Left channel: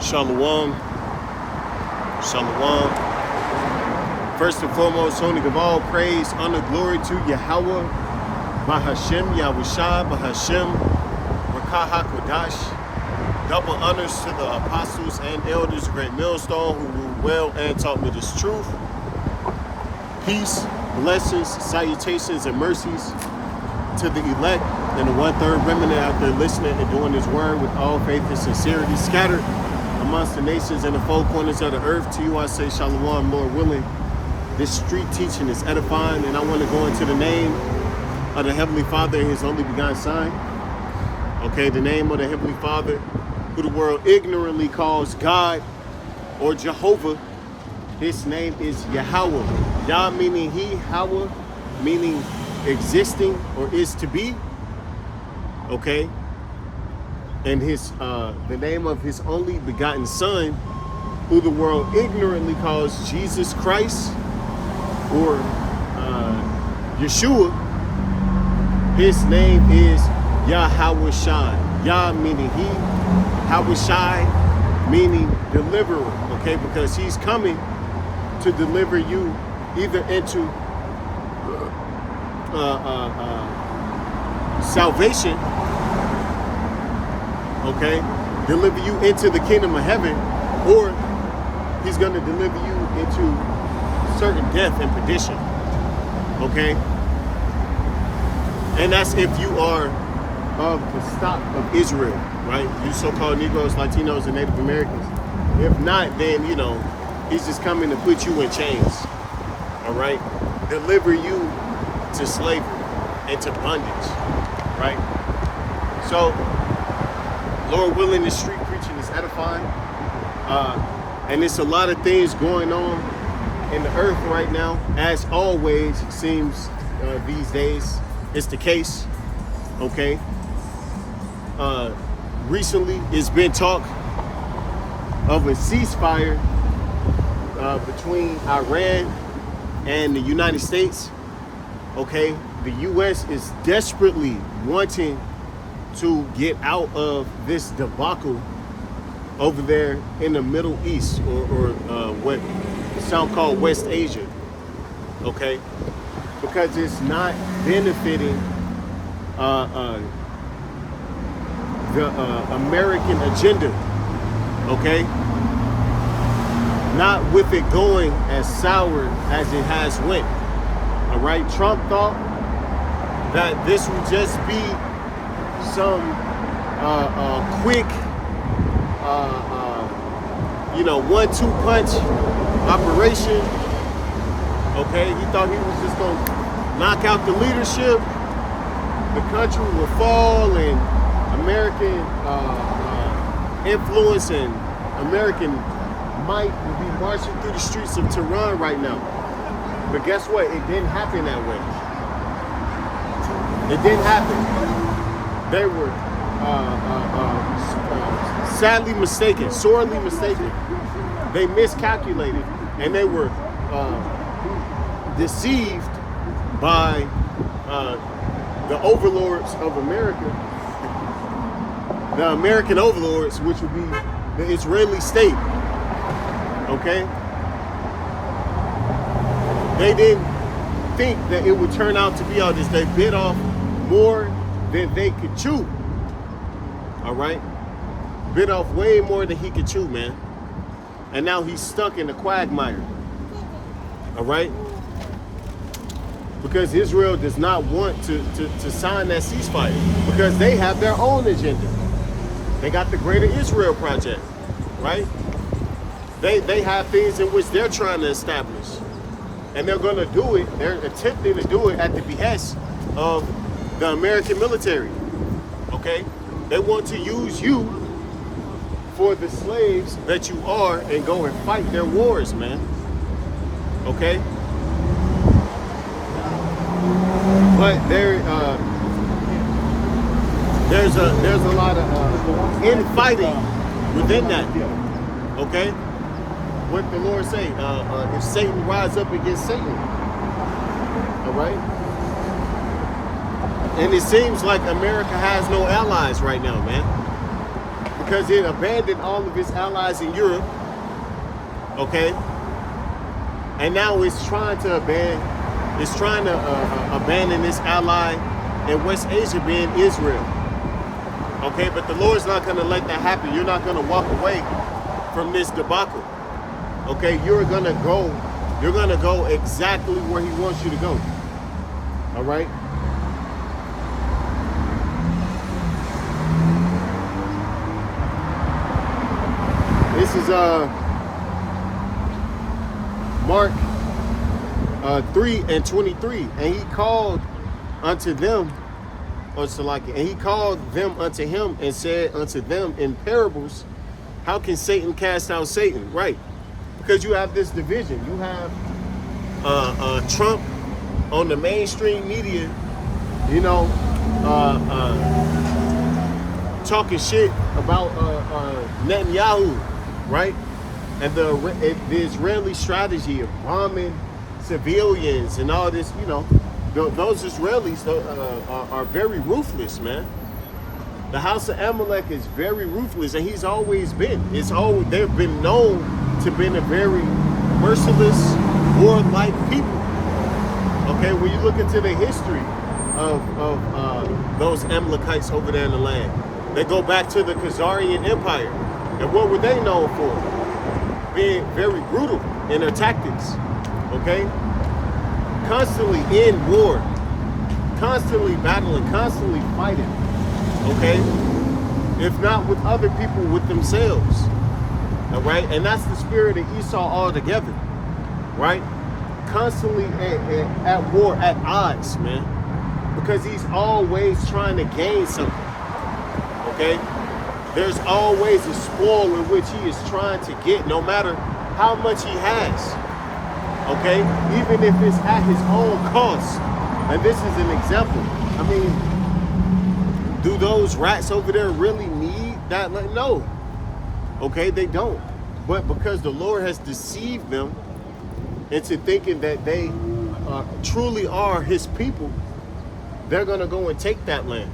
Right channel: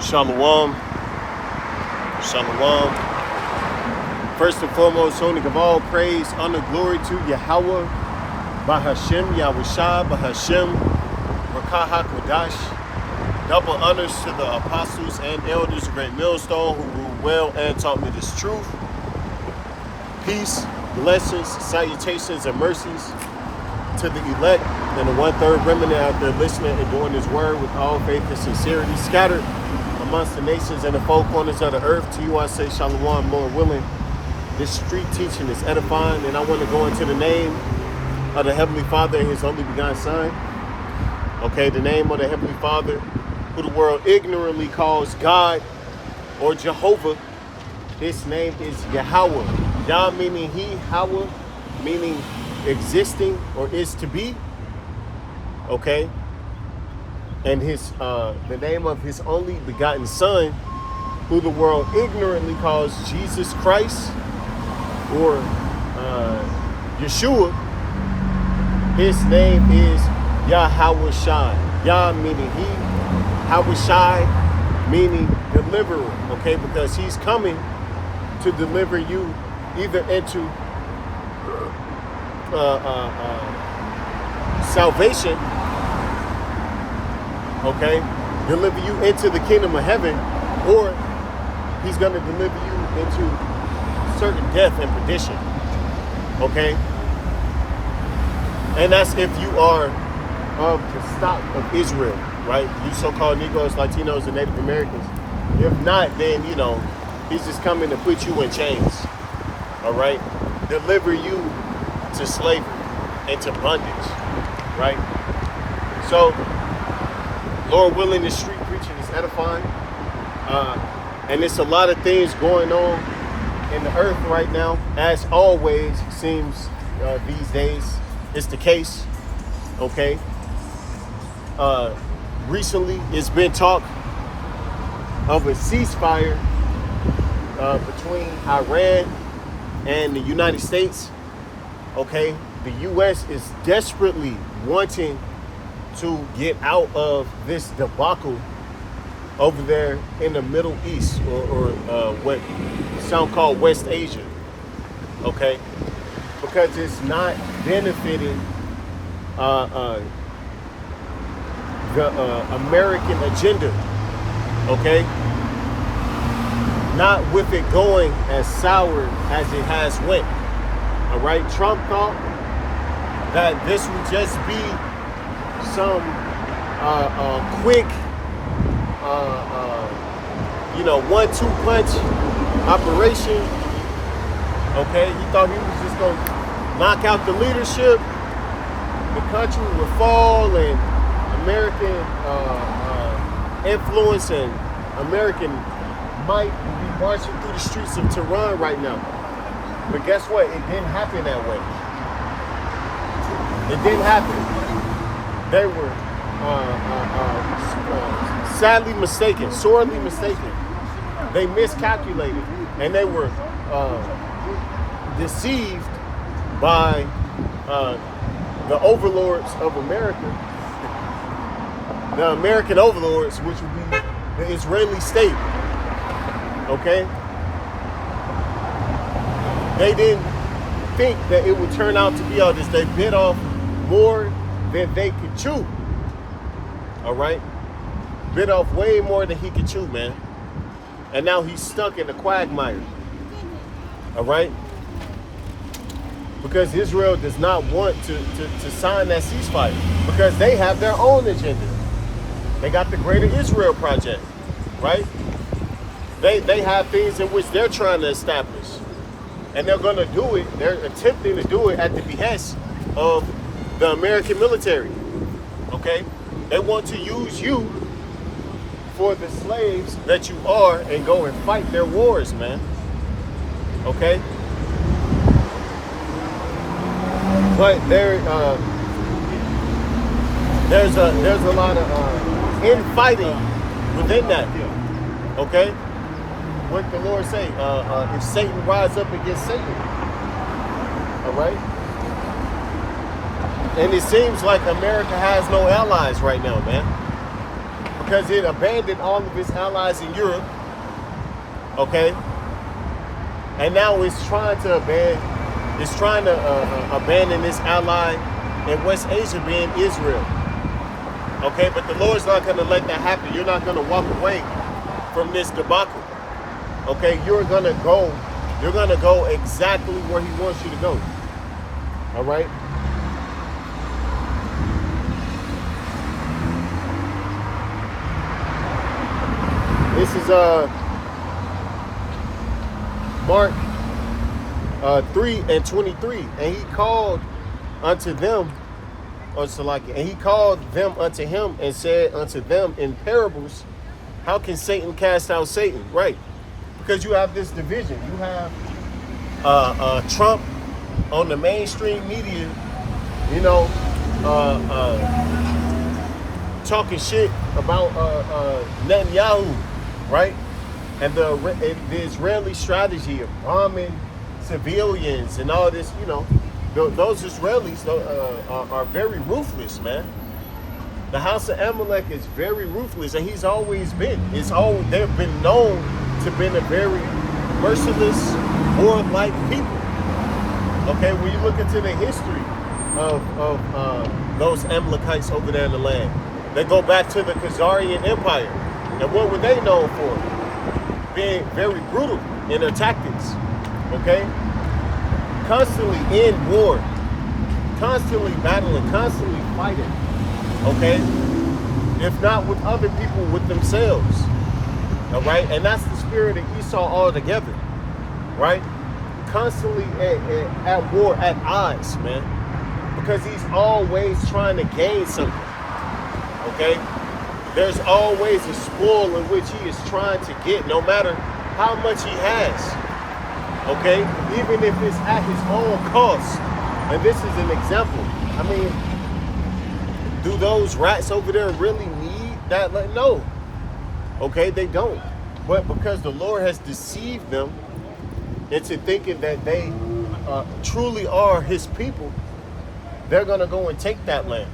Shalom. Shalom. First and foremost, only give all praise, honor, glory to Yahweh, Bahashem, Yahushua, Bahashem, Rakah HaKodash. Double honors to the apostles and elders of Great Millstone who ruled well and taught me this truth. Peace, blessings, salutations, and mercies to the elect and the one-third remnant out there listening and doing this word with all faith and sincerity, scattered amongst the nations and the four corners of the earth. To you I say shalom, Lord willing. This street teaching is edifying, and I want to go into the name of the Heavenly Father and His only begotten Son. Okay, the name of the Heavenly Father, who the world ignorantly calls God or Jehovah. His name is Yahweh. Yah meaning He, Hawa meaning existing or is to be. Okay, and his the name of His only begotten Son, who the world ignorantly calls Jesus Christ or Yeshua. His name is Yahushua. Yah meaning He, Yahushua meaning deliverer. Okay, because He's coming to deliver you either into salvation, okay, deliver you into the kingdom of heaven, or He's going to deliver you into certain death and perdition, okay? And that's if you are of the stock of Israel, right? You so-called Negroes, Latinos, and Native Americans. If not, then, you know, He's just coming to put you in chains, all right? Deliver you to slavery and to bondage, right? So, Lord willing, the street preaching is edifying. And it's a lot of things going on in the earth right now, as always seems these days it's the case, okay? Recently, it's been talk of a ceasefire between Iran and the United States, okay? The U.S. is desperately wanting to get out of this debacle over there in the Middle East, or what some call West Asia, okay? Because it's not benefiting the American agenda, okay? Not with it going as sour as it has went, all right? Trump thought that this would just be some quick, 1-2 punch operation. Okay, he thought he was just gonna knock out the leadership, the country would fall, and American influence and American might would be marching through the streets of Tehran right now. But guess what? It didn't happen that way. It didn't happen. They were sadly mistaken, sorely mistaken. They miscalculated, and they were deceived by the overlords of America, the American overlords, which would be the Israeli state. Okay? They didn't think that it would turn out to be all this. They bit off more than they could chew. All right? Bit off way more than he could chew, man. And now he's stuck in the quagmire. All right? Because Israel does not want to sign that ceasefire, because they have their own agenda. They got the Greater Israel Project, right? They have things in which they're trying to establish. And they're going to do it. They're attempting to do it at the behest of the American military. Okay? They want to use you for the slaves that you are and go and fight their wars, man. Okay? But there's a lot of infighting within that. Okay? What the Lord say? If Satan rise up against Satan, all right? And it seems like America has no allies right now, man. because it abandoned all of its allies in Europe, okay? And now it's trying to abandon its ally in West Asia, being Israel. Okay, but the Lord's not going to let that happen. You're not going to walk away from this debacle. Okay, you're going to go exactly where he wants you to go. All right? This is Mark 3:23, and he called unto them, and he called them unto him and said unto them in parables, how can Satan cast out Satan? Right, because you have this division. You have Trump on the mainstream media, you know, talking shit about Netanyahu, right? And the Israeli strategy of bombing civilians and all this, you know, those Israelis are very ruthless, man. The house of Amalek is very ruthless, and he's always been. They've been known to been a very merciless, warlike people. Okay, when you look into the history of those Amalekites over there in the land, they go back to the Khazarian Empire. And what were they known for? Being very brutal in their tactics. Okay? Constantly in war, constantly battling, constantly fighting, okay? If not with other people, with themselves, all right? And that's the spirit of Esau altogether, right? Constantly at war, at odds, man, because he's always trying to gain something, okay? There's always a spoil in which he is trying to get, no matter how much he has. Okay, even if it's at his own cost. And this is an example. I mean, do those rats over there really need that? Like, no. Okay, they don't. But because the Lord has deceived them into thinking that they truly are his people, they're going to go and take that land.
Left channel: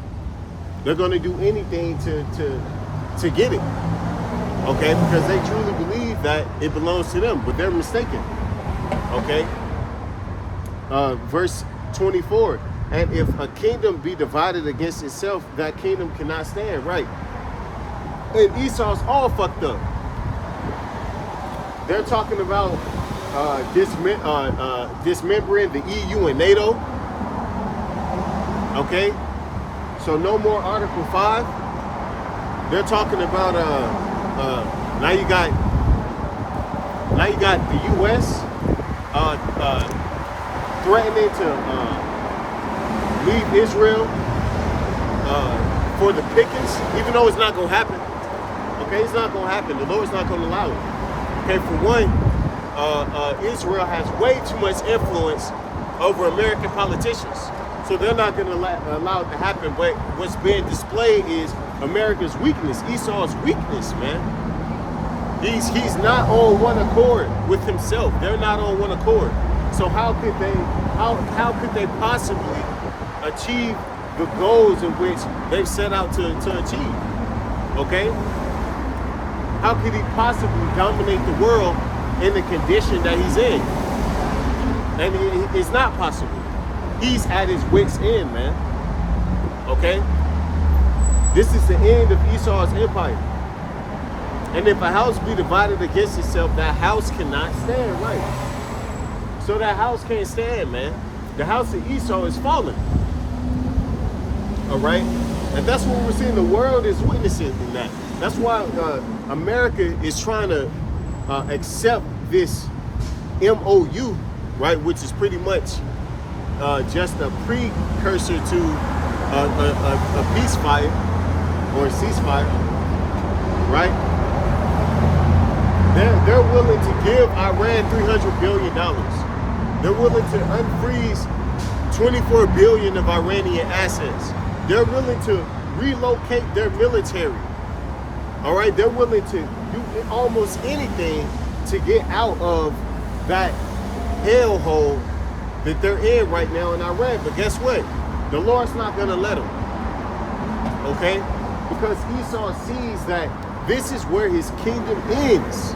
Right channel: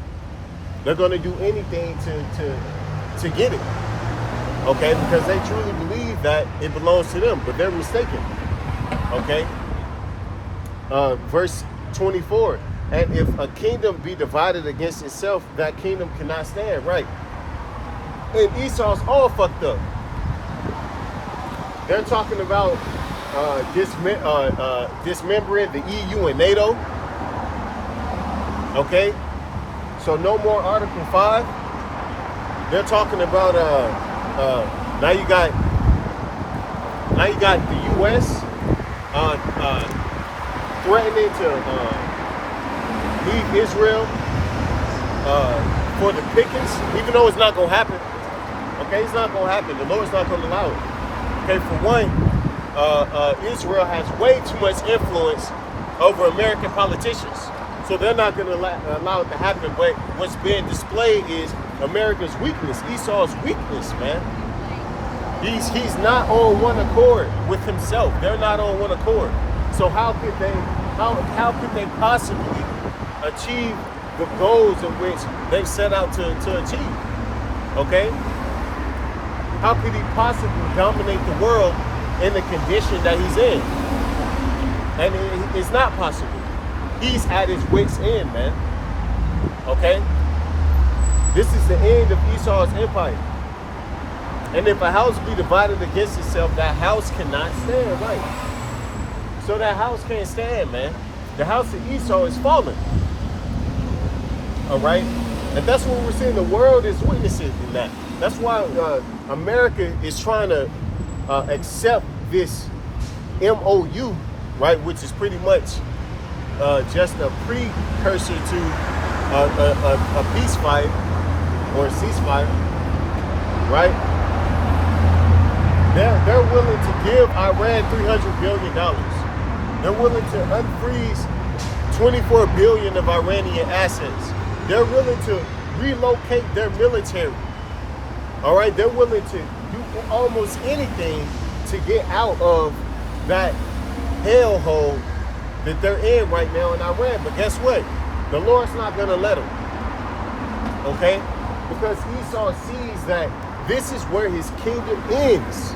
They're going to do anything to get it. Okay, because they truly believe that it belongs to them, but they're mistaken. Okay, verse 24, and if a kingdom be divided against itself, that kingdom cannot stand. Right. And Esau's all fucked up. They're talking about dismembering the EU and NATO. Okay, so no more Article 5. They're talking about now you got the U.S. Threatening to leave Israel for the pickings, even though it's not going to happen. Okay, it's not going to happen. The Lord's not going to allow it. Okay, for one, Israel has way too much influence over American politicians. So they're not going to allow it to happen. But what's being displayed is America's weakness, Esau's weakness, man. He's not on one accord with himself. They're not on one accord. So how could they possibly achieve the goals in which they've set out to achieve? Okay? How could he possibly dominate the world in the condition that he's in? And it's not possible. He's at his wit's end, man. Okay? This is the end of Esau's empire. And if a house be divided against itself, that house cannot stand, right? So that house can't stand, man. The house of Esau is falling. All right? And that's what we're seeing. The world is witnessing in that. That's why America is trying to accept this MOU, right? Which is pretty much just a precursor to a peace fire or a ceasefire, right? They're willing to give Iran $300 billion. They're willing to unfreeze 24 billion of Iranian assets. They're willing to relocate their military. All right, they're willing to do almost anything to get out of that hellhole that they're in right now in Iran. But guess what? The Lord's not going to let them. Okay? Because Esau sees that This is where his kingdom ends.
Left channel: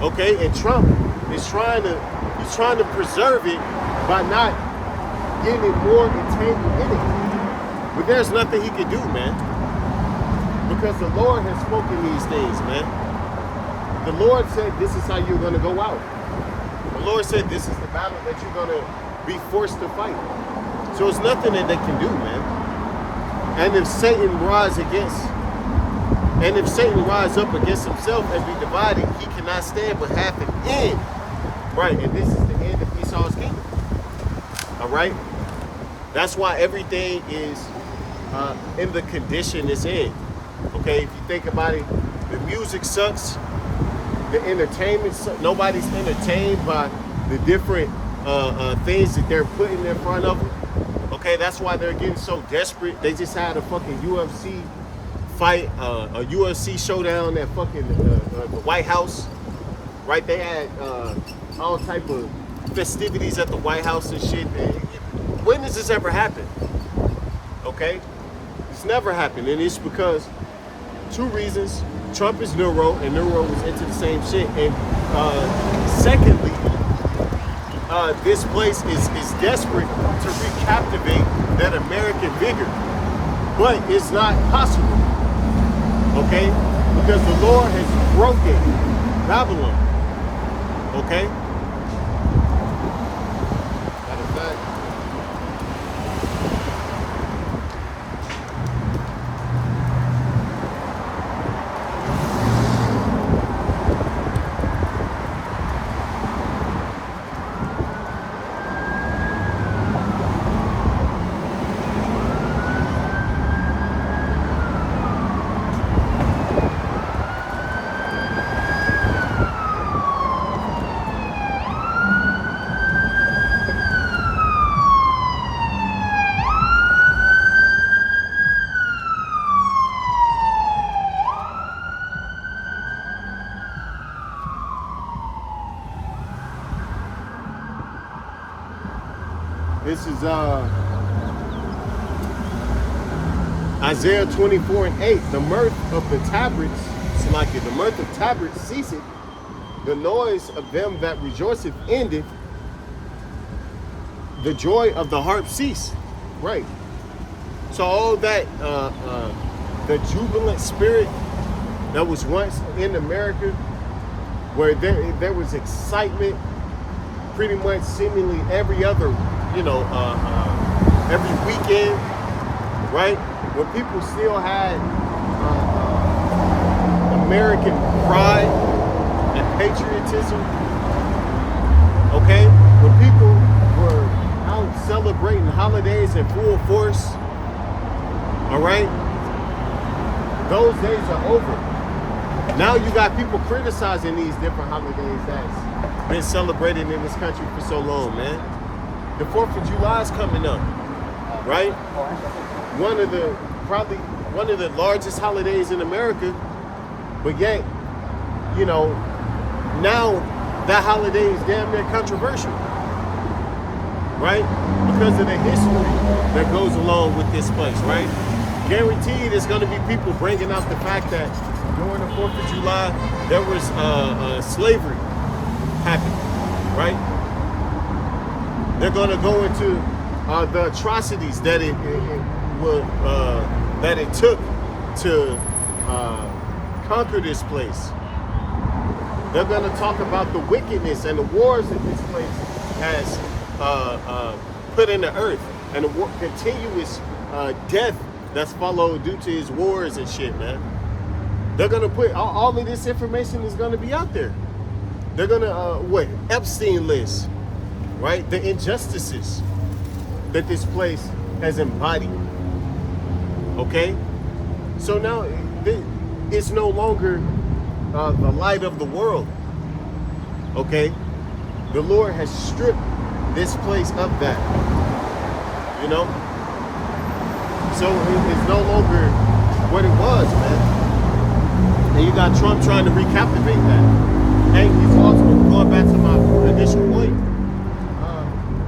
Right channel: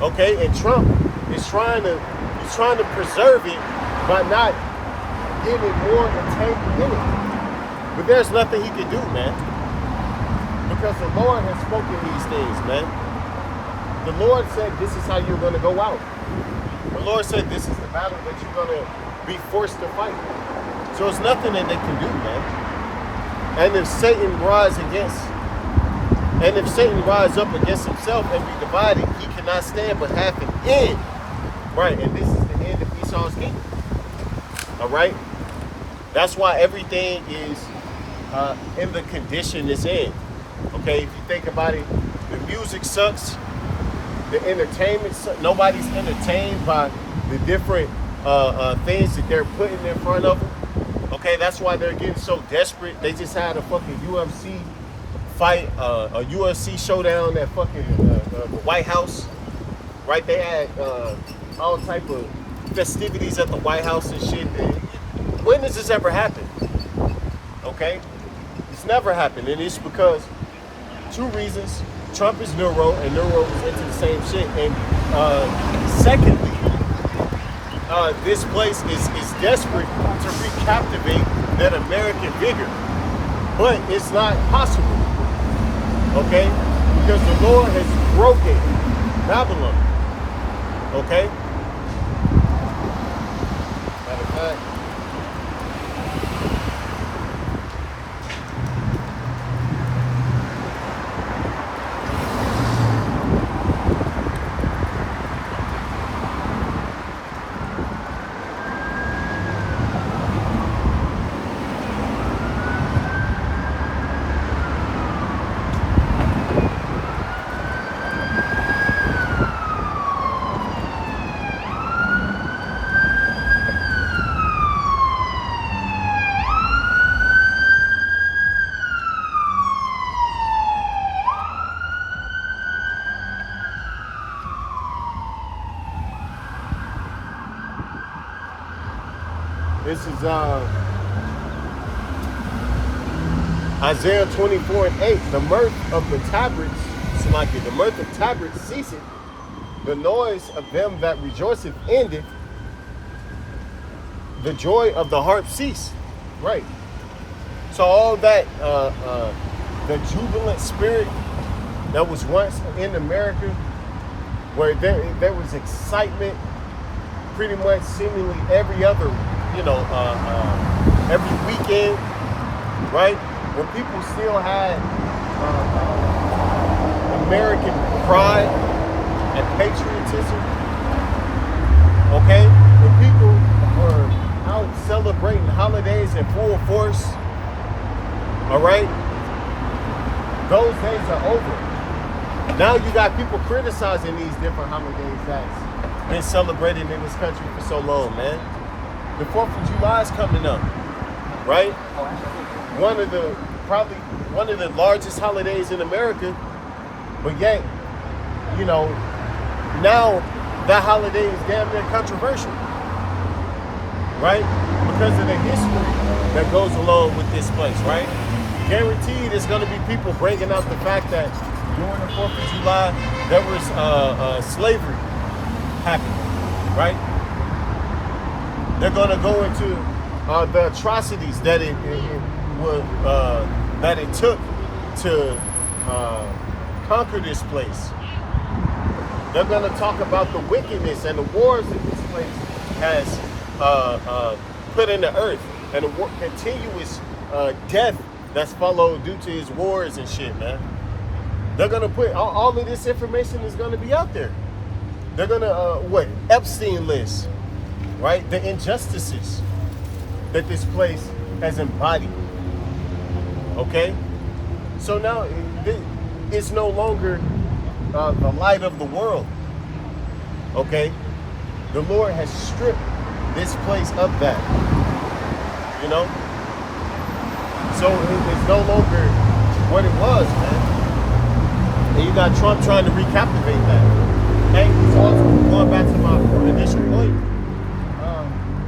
Okay, and Trump is trying to preserve it by not getting more entangled in it. But there's nothing he can do, man. Because the Lord has spoken these things, man. The Lord said this is how you're going to go out. The Lord said this is the battle that you're going to be forced to fight. So it's nothing that they can do, man. And if Satan rise up against himself and be divided, he cannot stand but have an end. Right, and this is the end of Esau's kingdom. All right? That's why everything is in the condition it's in. Okay, if you think about it, the music sucks. The entertainment sucks. Nobody's entertained by the different things that they're putting in front of them. Okay, that's why they're getting so desperate. They just had a fucking UFC fight, a UFC showdown at fucking the White House. Right, they had all type of festivities at the White House and shit. When does this ever happen? Okay, it's never happened, and it's because two reasons. Trump is Neuro, and Neuro was into the same shit. And secondly, this place is desperate to recaptivate that American vigor. But it's not possible, okay? Because the Lord has broken Babylon, okay? Matter of fact, this is Isaiah 24:8. The mirth of the tabrets, the mirth of tabrets ceaseth, the noise of them that rejoiceth endeth, the joy of the harp ceased. Right. So all that, the jubilant spirit that was once in America, where there was excitement pretty much seemingly every other, every weekend, right? When people still had American pride and patriotism, okay? When people were out celebrating holidays in full force, all right? Those days are over. Now you got people criticizing these different holidays that's been celebrated in this country for so long, man. The 4th of July is coming up, right? Probably one of the largest holidays in America, but yet, now that holiday is damn near controversial, right? Because of the history that goes along with this place, right? Guaranteed there's going to be people bringing out the fact that during the 4th of July, there was slavery happening, right? They're going to go into the atrocities that it took to conquer this place. They're going to talk about the wickedness and the wars that this place has put in the earth, and the continuous death that's followed due to his wars and shit, man. They're going to put all of this information is going to be out there. They're going to, Epstein list, right? The injustices that this place has embodied. Okay? So now it's no longer the light of the world. Okay? The Lord has stripped this place of that. So it's no longer what it was, man. And you got Trump trying to recaptivate that. And he's also, going back to my initial point,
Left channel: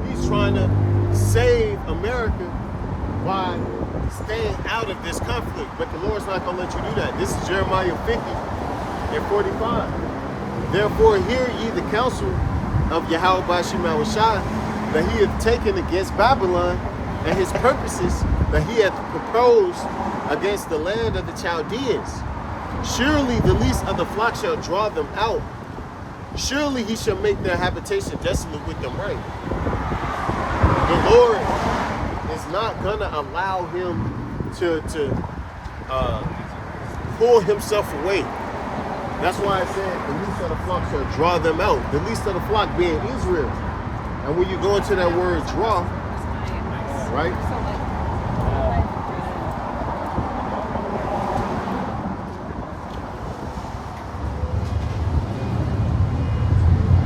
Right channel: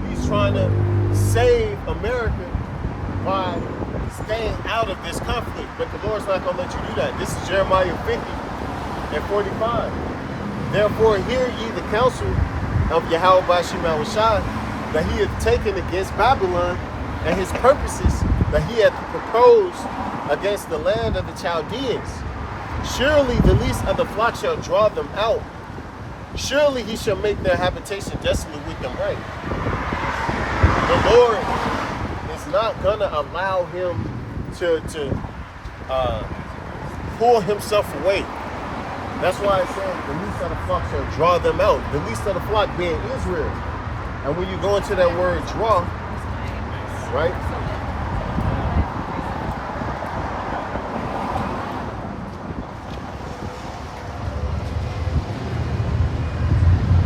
he's trying to save America by staying out of this conflict. But the Lord's not going to let you do that. This is Jeremiah 50 and 45. Therefore, hear ye the counsel of Yahweh Bashim Yahushua that he hath taken against Babylon, and his purposes that he hath proposed against the land of the Chaldeans. Surely the least of the flock shall draw them out. Surely he shall make their habitation desolate with them right. The Lord is not going to allow him to pull himself away. That's why I said the least of the flock shall draw them out. The least of the flock being Israel. And when you go into that word draw, right?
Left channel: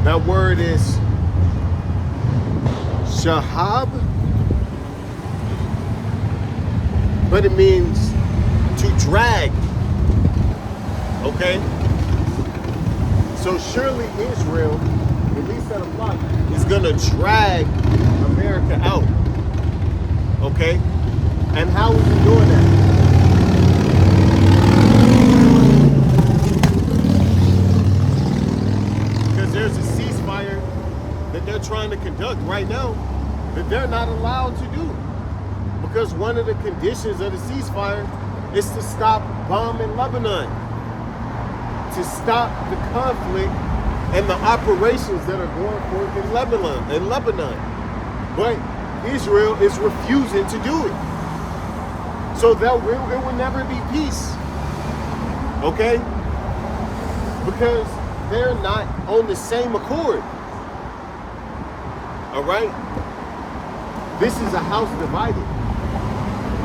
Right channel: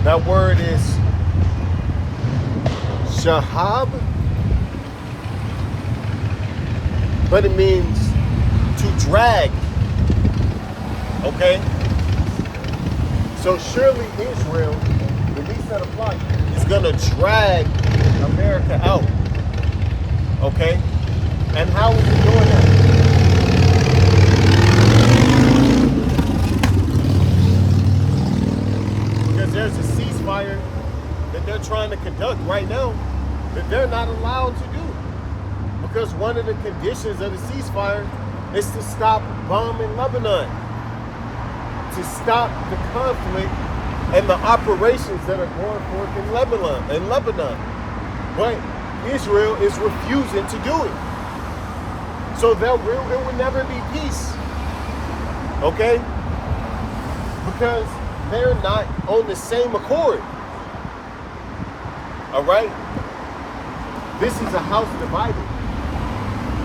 That word is shahab, but it means to drag. Okay? So surely Israel, the least of the flock, is gonna drag America out. Okay? And how is it doing that? There's a ceasefire that they're trying to conduct right now that they're not allowed to do, because one of the conditions of the ceasefire is to stop bombing Lebanon, to stop the conflict and the operations that are going forth in Lebanon. But Israel is refusing to do it. So it will never be peace. Okay? Because they're not on the same accord. All right? This is a house divided.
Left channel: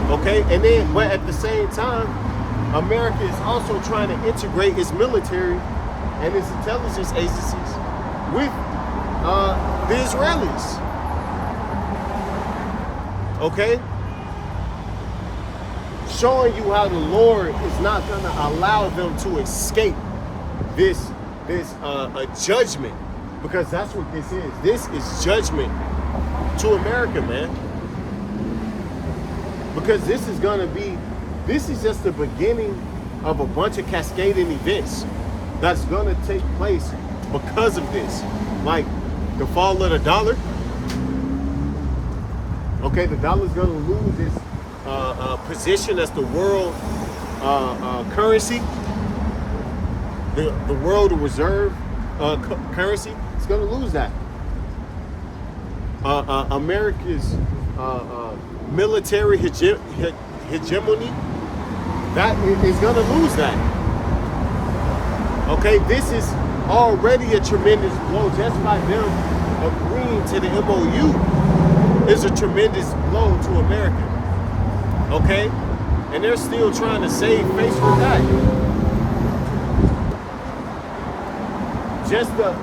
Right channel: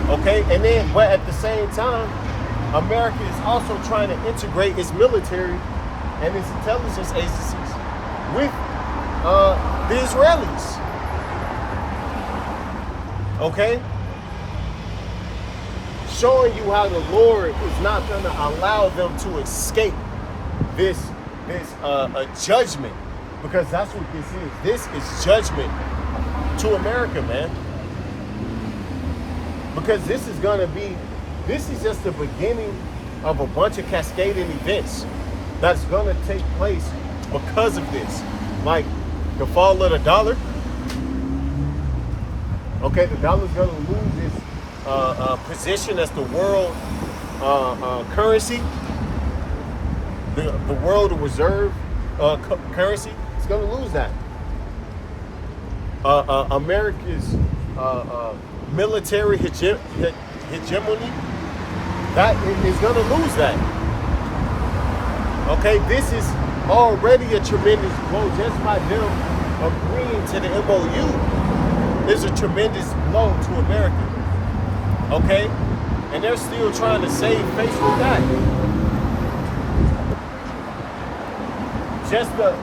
Okay? And then, but at the same time, America is also trying to integrate its military and its intelligence agencies with the Israelis. Okay? Showing you how the Lord is not going to allow them to escape this a judgment, because that's what this is. This is judgment to America, man. Because this is just the beginning of a bunch of cascading events that's gonna take place because of this. Like the fall of the dollar. Okay, the dollar's gonna lose its position as the world currency. The world reserve currency is going to lose that. America's military hegemony, that is going to lose that. Okay, this is already a tremendous blow. Just by them agreeing to the MOU is a tremendous blow to America. Okay, and they're still trying to save face with that. Just the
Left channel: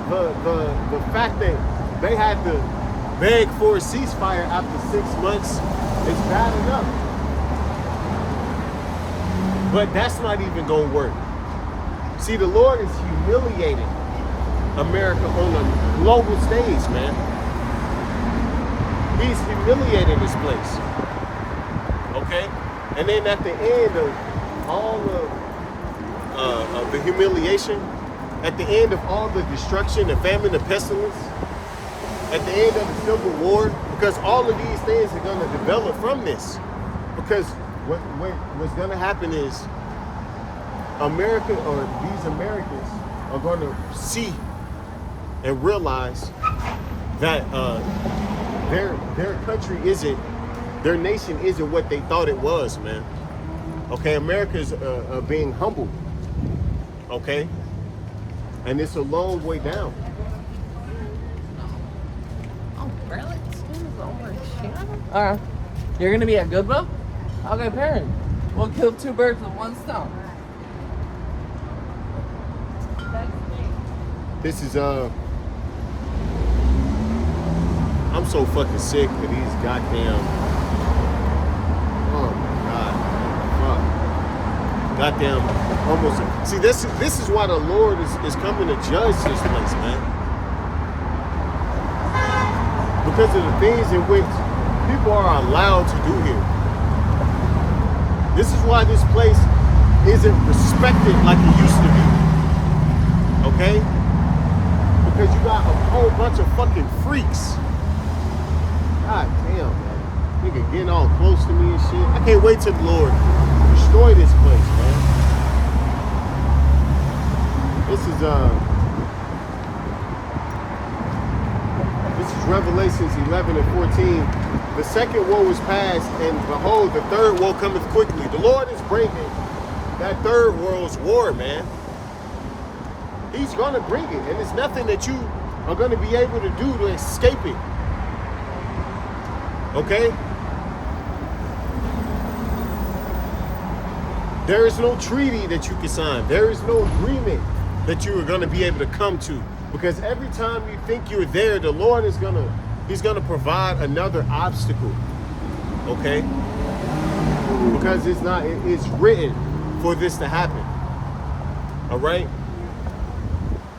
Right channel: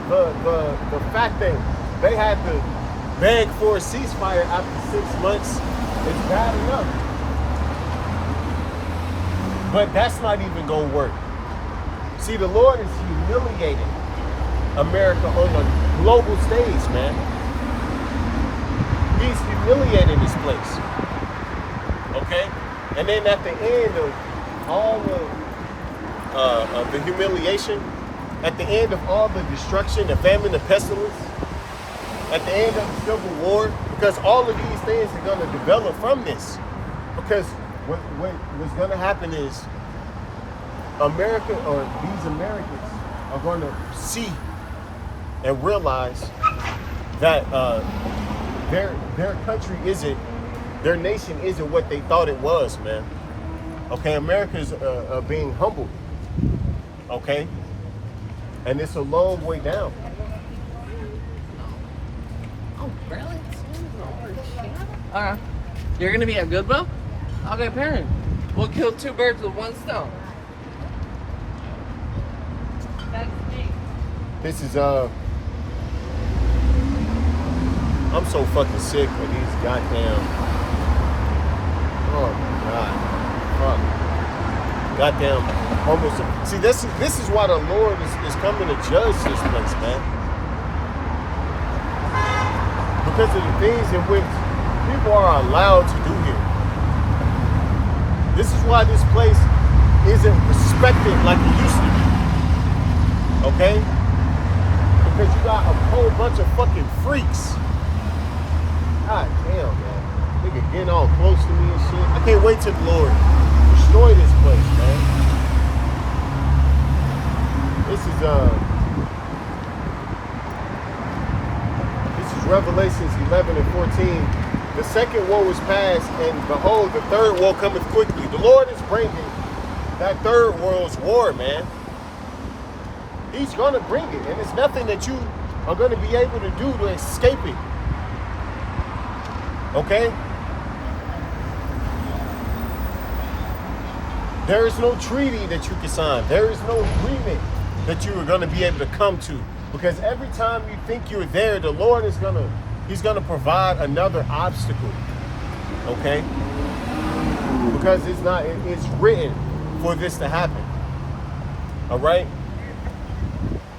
fact that they had to beg for a ceasefire after 6 months is bad enough. But that's not even going to work. See, the Lord is humiliating America on a global stage, man. He's humiliating this place. Okay? And then at the end of all of the humiliation, at the end of all the destruction, the famine, the pestilence, at the end of the Civil War, because all of these things are going to develop from this. Because what's going to happen is America, or these Americans, are going to see and realize that their country isn't, their nation isn't what they thought it was, man. Okay, America's being humbled. Okay? And it's a long way down. Oh, really? Alright. You're gonna be at Goodwill? I'll go parent. We'll kill two birds with one stone. This is I'm so fucking sick of these goddamn, oh my god, fuck, goddamn, almost. See, this is why the Lord is coming to judge this place, man. Because of the things in which people are allowed to do here. This is why this place isn't respected like it used to be. Okay? Because you got a whole bunch of fucking freaks. God damn, man. Nigga getting all close to me and shit. I can't wait till the Lord destroy this place, man. This is Revelations 11 and 14. The second woe is past, and behold, the third woe cometh quickly. The Lord is bringing that third world's war, man. He's going to bring it, and it's nothing that you are going to be able to do to escape it. Okay? There is no treaty that you can sign. There is no agreement that you are going to be able to come to. Because every time you think you're there, the Lord is He's going to provide another obstacle. Okay? Because it's written for this to happen. All right?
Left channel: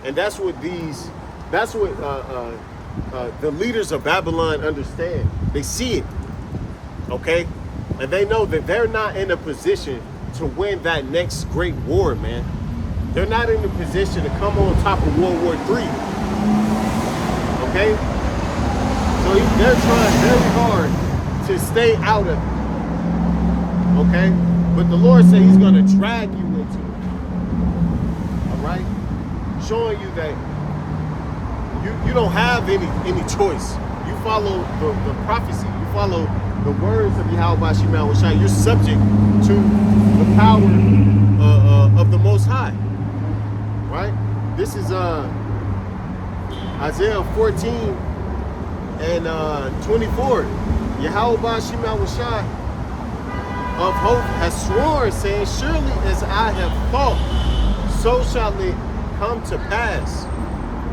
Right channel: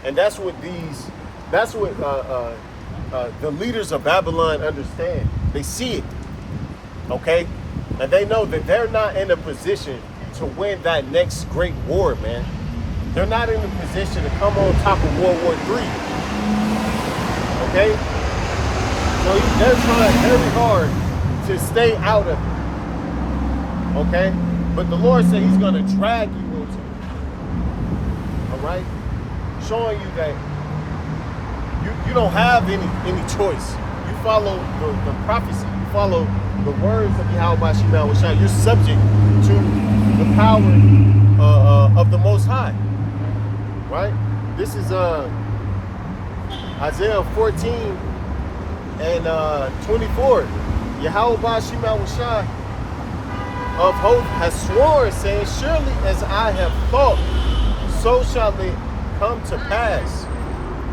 And that's what the leaders of Babylon understand. They see it. Okay? And they know that they're not in a position to win that next great war, man. They're not in a position to come on top of World War III. Okay? So they're trying very hard to stay out of it. Okay? But the Lord said He's going to drag you into it. All right? Showing you that you don't have any choice. You follow the prophecy. You follow the words of Yahweh Shema Shai. You're subject to the power of the Most High. Right? This is Isaiah 14 and 24. Yahweh Shema Shai of hope has sworn, saying, surely as I have thought, so shall it come to pass.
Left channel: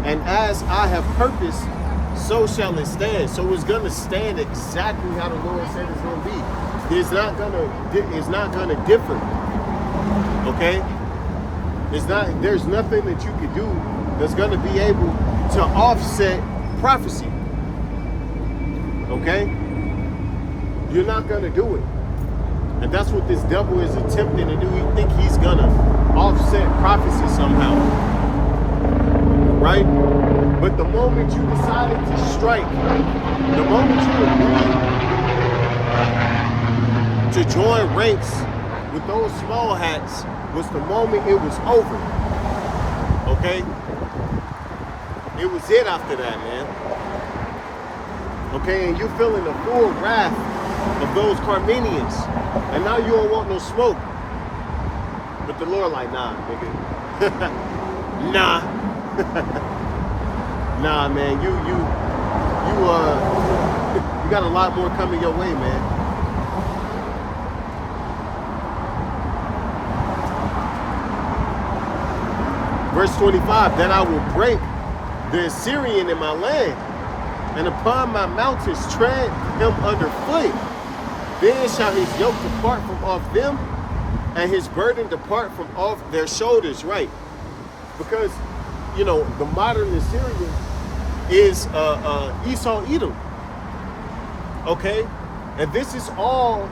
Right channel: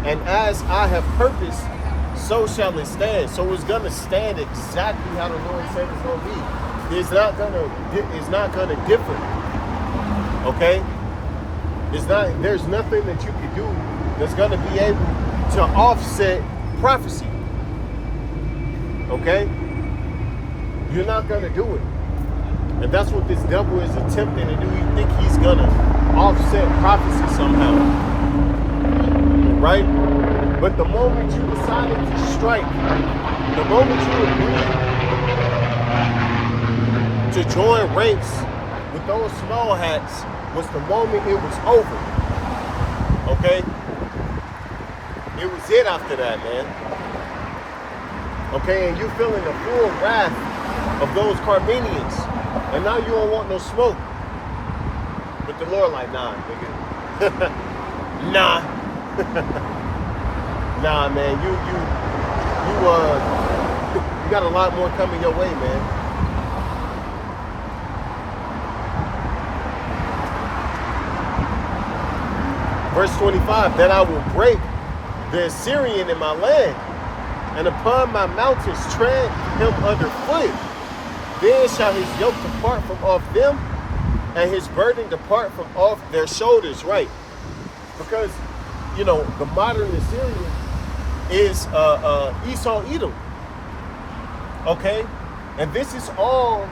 And as I have purposed, so shall it stand. So it's gonna stand exactly how the Lord said it's gonna be. It's not gonna differ. Okay? There's nothing that you could do that's gonna be able to offset prophecy. Okay? You're not gonna do it. And that's what this devil is attempting to do. He think he's gonna offset prophecy somehow. Right? But the moment you decided to strike, the moment you agreed to join ranks with those small hats, was the moment it was over. Okay? It was it after that, man. Okay, and you feeling the full wrath of those Carmenians. And now you don't want no smoke. But the Lord like, nah, nigga. Nah. Nah, man, you got a lot more coming your way, man. Verse 25, that I will break the Assyrian in my land, and upon my mountains tread him underfoot. Then shall his yoke depart from off them, and his burden depart from off their shoulders. Right? Because, you know, the modern Assyrian is Esau Edom. Okay? And this is all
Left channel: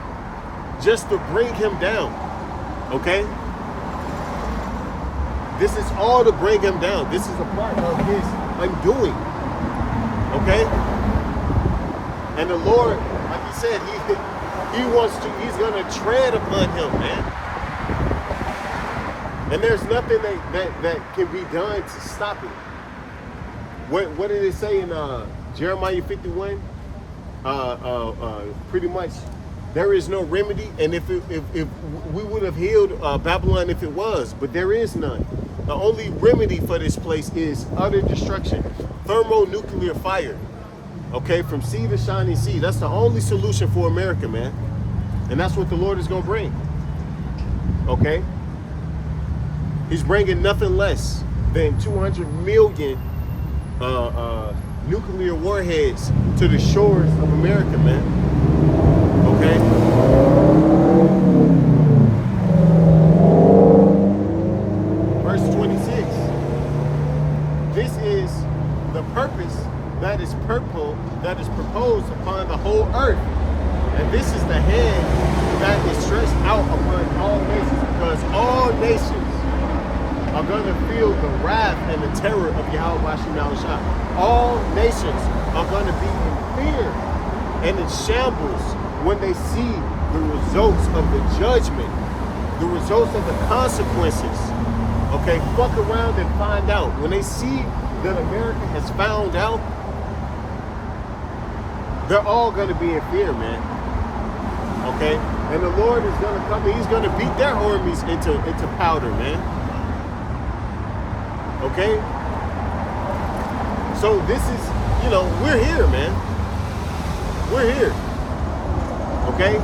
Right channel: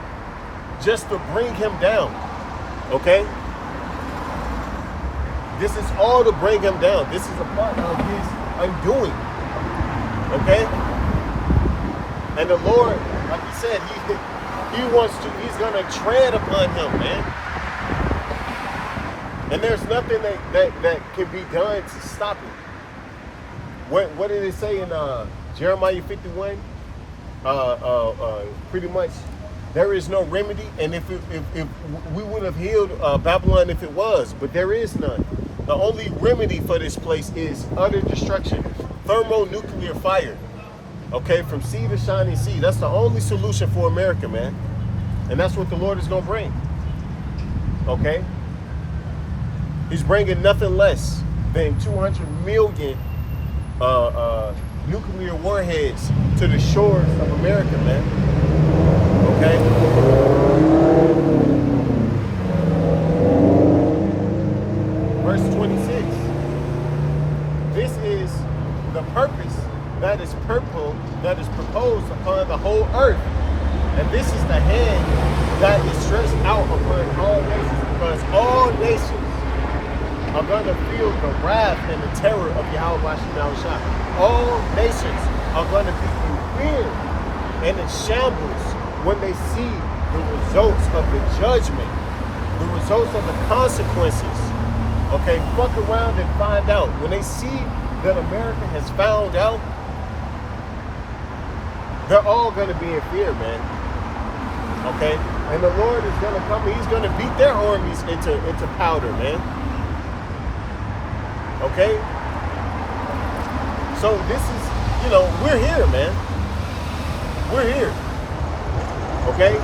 just to bring him down. Okay? This is all to bring him down. This is a part of his undoing. Okay? And the Lord, like he said, he's gonna tread upon him, man. And there's nothing that can be done to stop it. What did it say in Jeremiah 51? Pretty much, there is no remedy. And if we would have healed Babylon if it was, but there is none. The only remedy for this place is utter destruction, thermonuclear fire. Okay, from sea to shining sea. That's the only solution for America, man. And that's what the Lord is gonna bring. Okay. He's bringing nothing less than 200 million nuclear warheads to the shores of America, man. Okay? Verse 26. This is the purpose that is proposed upon the whole earth. And this is the hand that is stretched out upon all nations, because all nations are going to feel the wrath and the terror of Yahweh Bashim Yahushua. All nations are going to be in fear and in shambles when they see the results of the judgment, the results of the consequences. Okay, fuck around and find out. When they see that America has found out, they're all going to be in fear, man. Okay? And the Lord is going to come and he's going to beat their armies into powder, man. Okay? So this is, we're here, man. We're here. Okay?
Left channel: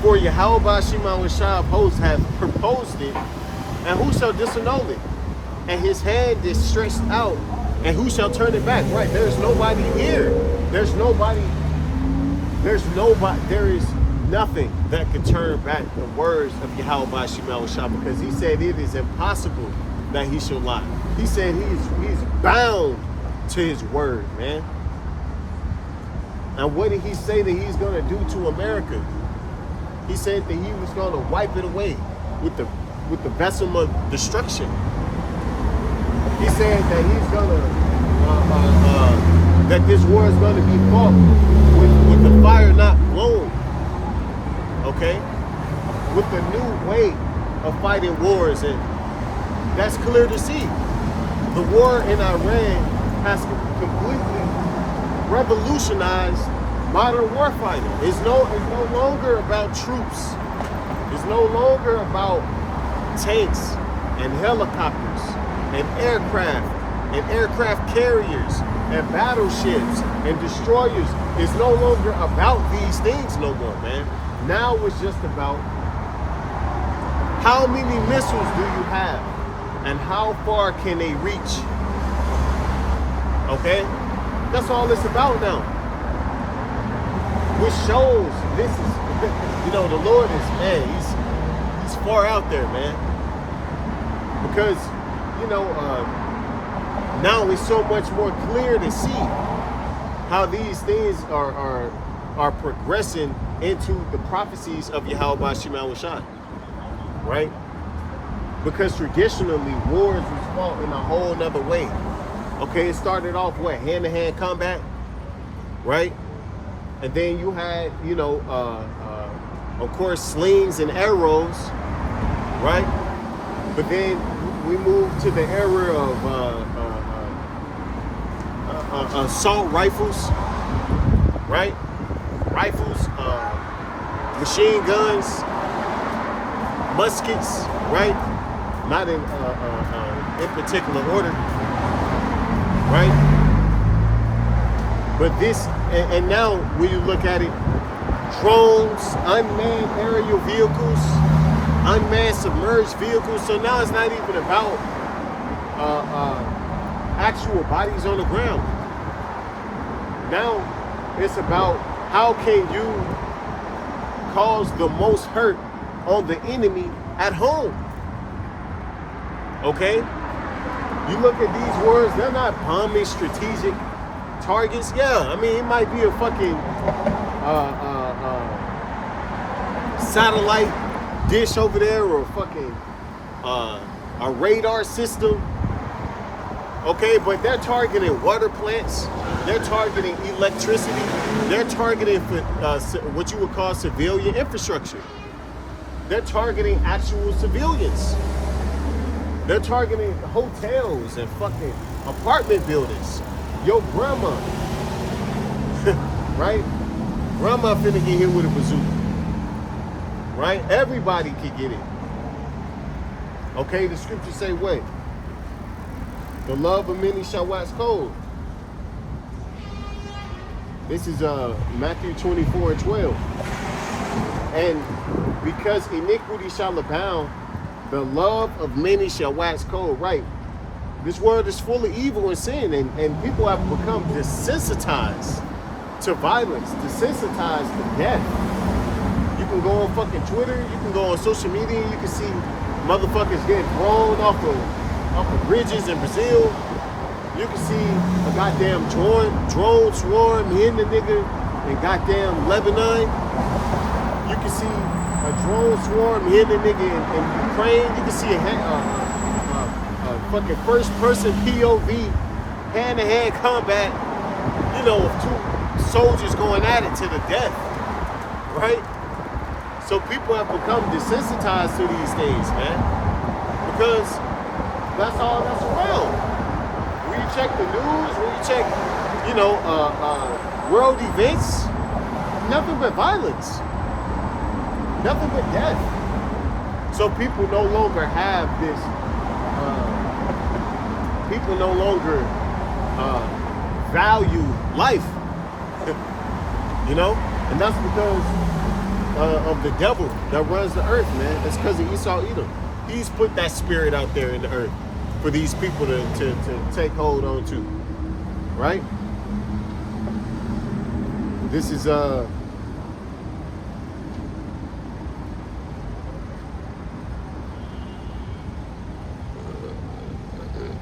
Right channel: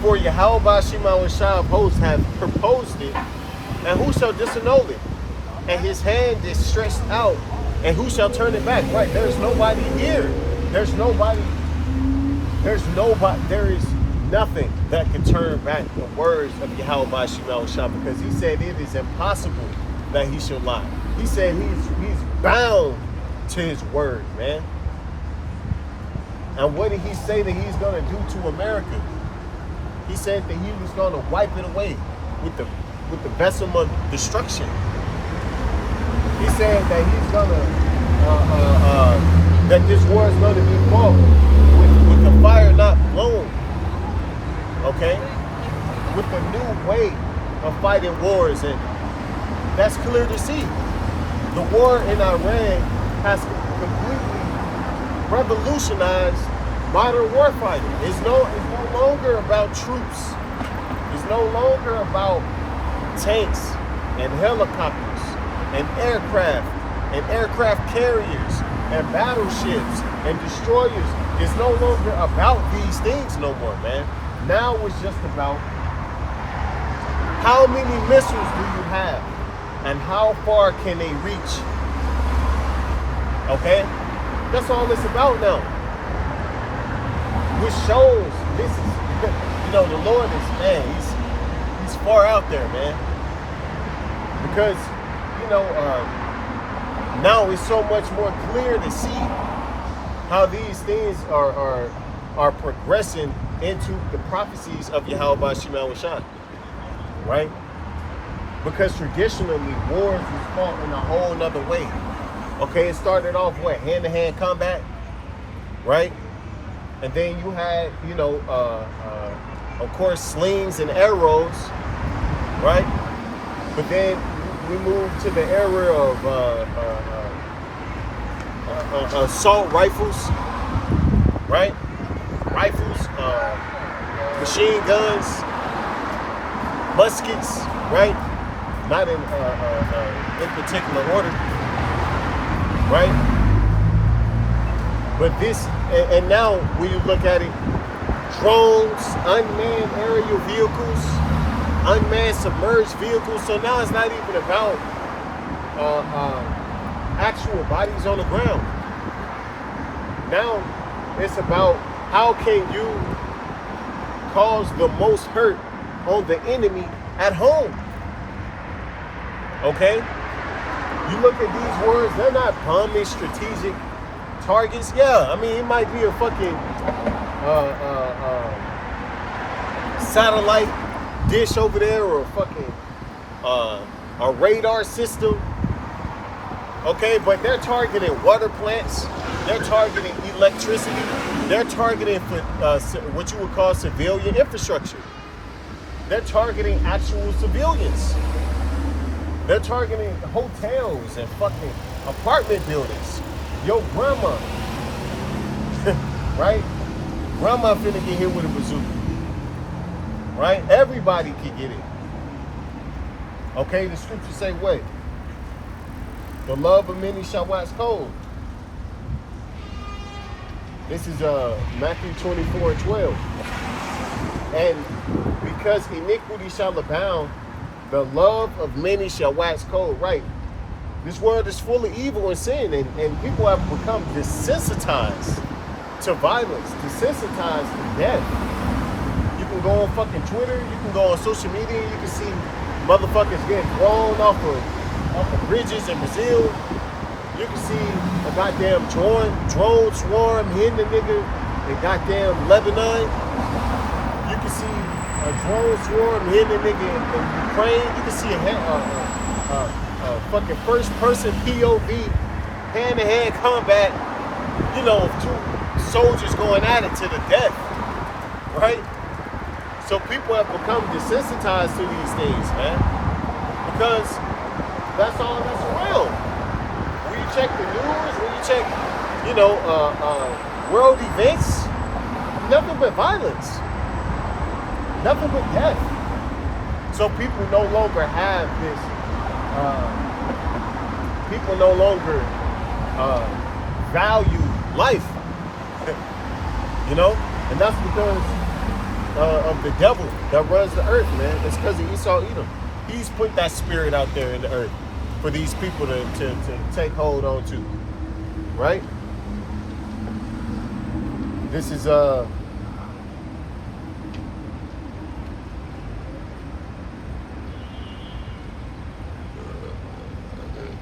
For Yahweh Bashim Yahushua of hosts have proposed it, and who shall disannul it? And his hand is stretched out, and who shall turn it back? Right, there's nobody here. There is nothing that can turn back the words of Yahweh Bashim Yahushua, because he said it is impossible that he shall lie. He said he's bound to his word, man. And what did he say that he's going to do to America? He said that he was going to wipe it away with the vessel of destruction. He said that he's going to that this war is going to be fought with the fire not blown. Okay, with the new way of fighting wars, and that's clear to see. The war in Iran has completely revolutionized modern warfighting. It's no longer about troops. It's no longer about tanks and helicopters and aircraft carriers and battleships and destroyers. It's no longer about these things no more, man. Now it's just about how many missiles do you have and how far can they reach. Okay? That's all it's about now. Which shows this is, the Lord is, man, he's far out there, man. Because, now it's so much more clear to see how these things are progressing into the prophecies of Yahweh Bashim Yahushua, right? Because traditionally wars was fought in a whole nother way. Okay, it started off hand-to-hand combat, right? And then you had, of course, slings and arrows, right? But then we moved to the era of assault rifles, right? Rifles, machine guns, muskets, right? Not in particular order, right? But this, and now when you look at it, drones, unmanned aerial vehicles, unmanned submerged vehicles. So now it's not even about actual bodies on the ground. Now it's about how can you cause the most hurt on the enemy at home. Okay? You look at these words, they're not bombing strategic targets. Yeah, I mean, it might be a fucking satellite dish over there, or a fucking a radar system. Okay, but they're targeting water plants, they're targeting electricity, they're targeting for what you would call civilian infrastructure. They're targeting actual civilians. They're targeting hotels and fucking apartment buildings. Your grandma, right? Grandma finna get hit with a bazooka, right? Everybody can get it. Okay, the scriptures say what? The love of many shall wax cold. This is Matthew 24:12. And because iniquity shall abound, the love of many shall wax cold. Right. This world is full of evil and sin, and people have become desensitized to violence, desensitized to death. You can go on fucking Twitter, you can go on social media, and you can see motherfuckers getting thrown off of bridges in Brazil. You can see a goddamn drone swarm hitting the nigga in goddamn Lebanon. You can see a drone swarm hitting a nigga in Ukraine. You can see a fucking first-person POV, hand-to-hand combat, you know, of two soldiers going at it to the death, right? So people have become desensitized to these things, man, because that's all that's around. When you check the news, when you check, you know, world events, nothing but violence, nothing but death. So people no longer have this, people no longer value life, you know? And that's because of the devil that runs the earth, man. That's because of Esau Edom. He's put that spirit out there in the earth for these people to take hold on to, right? This is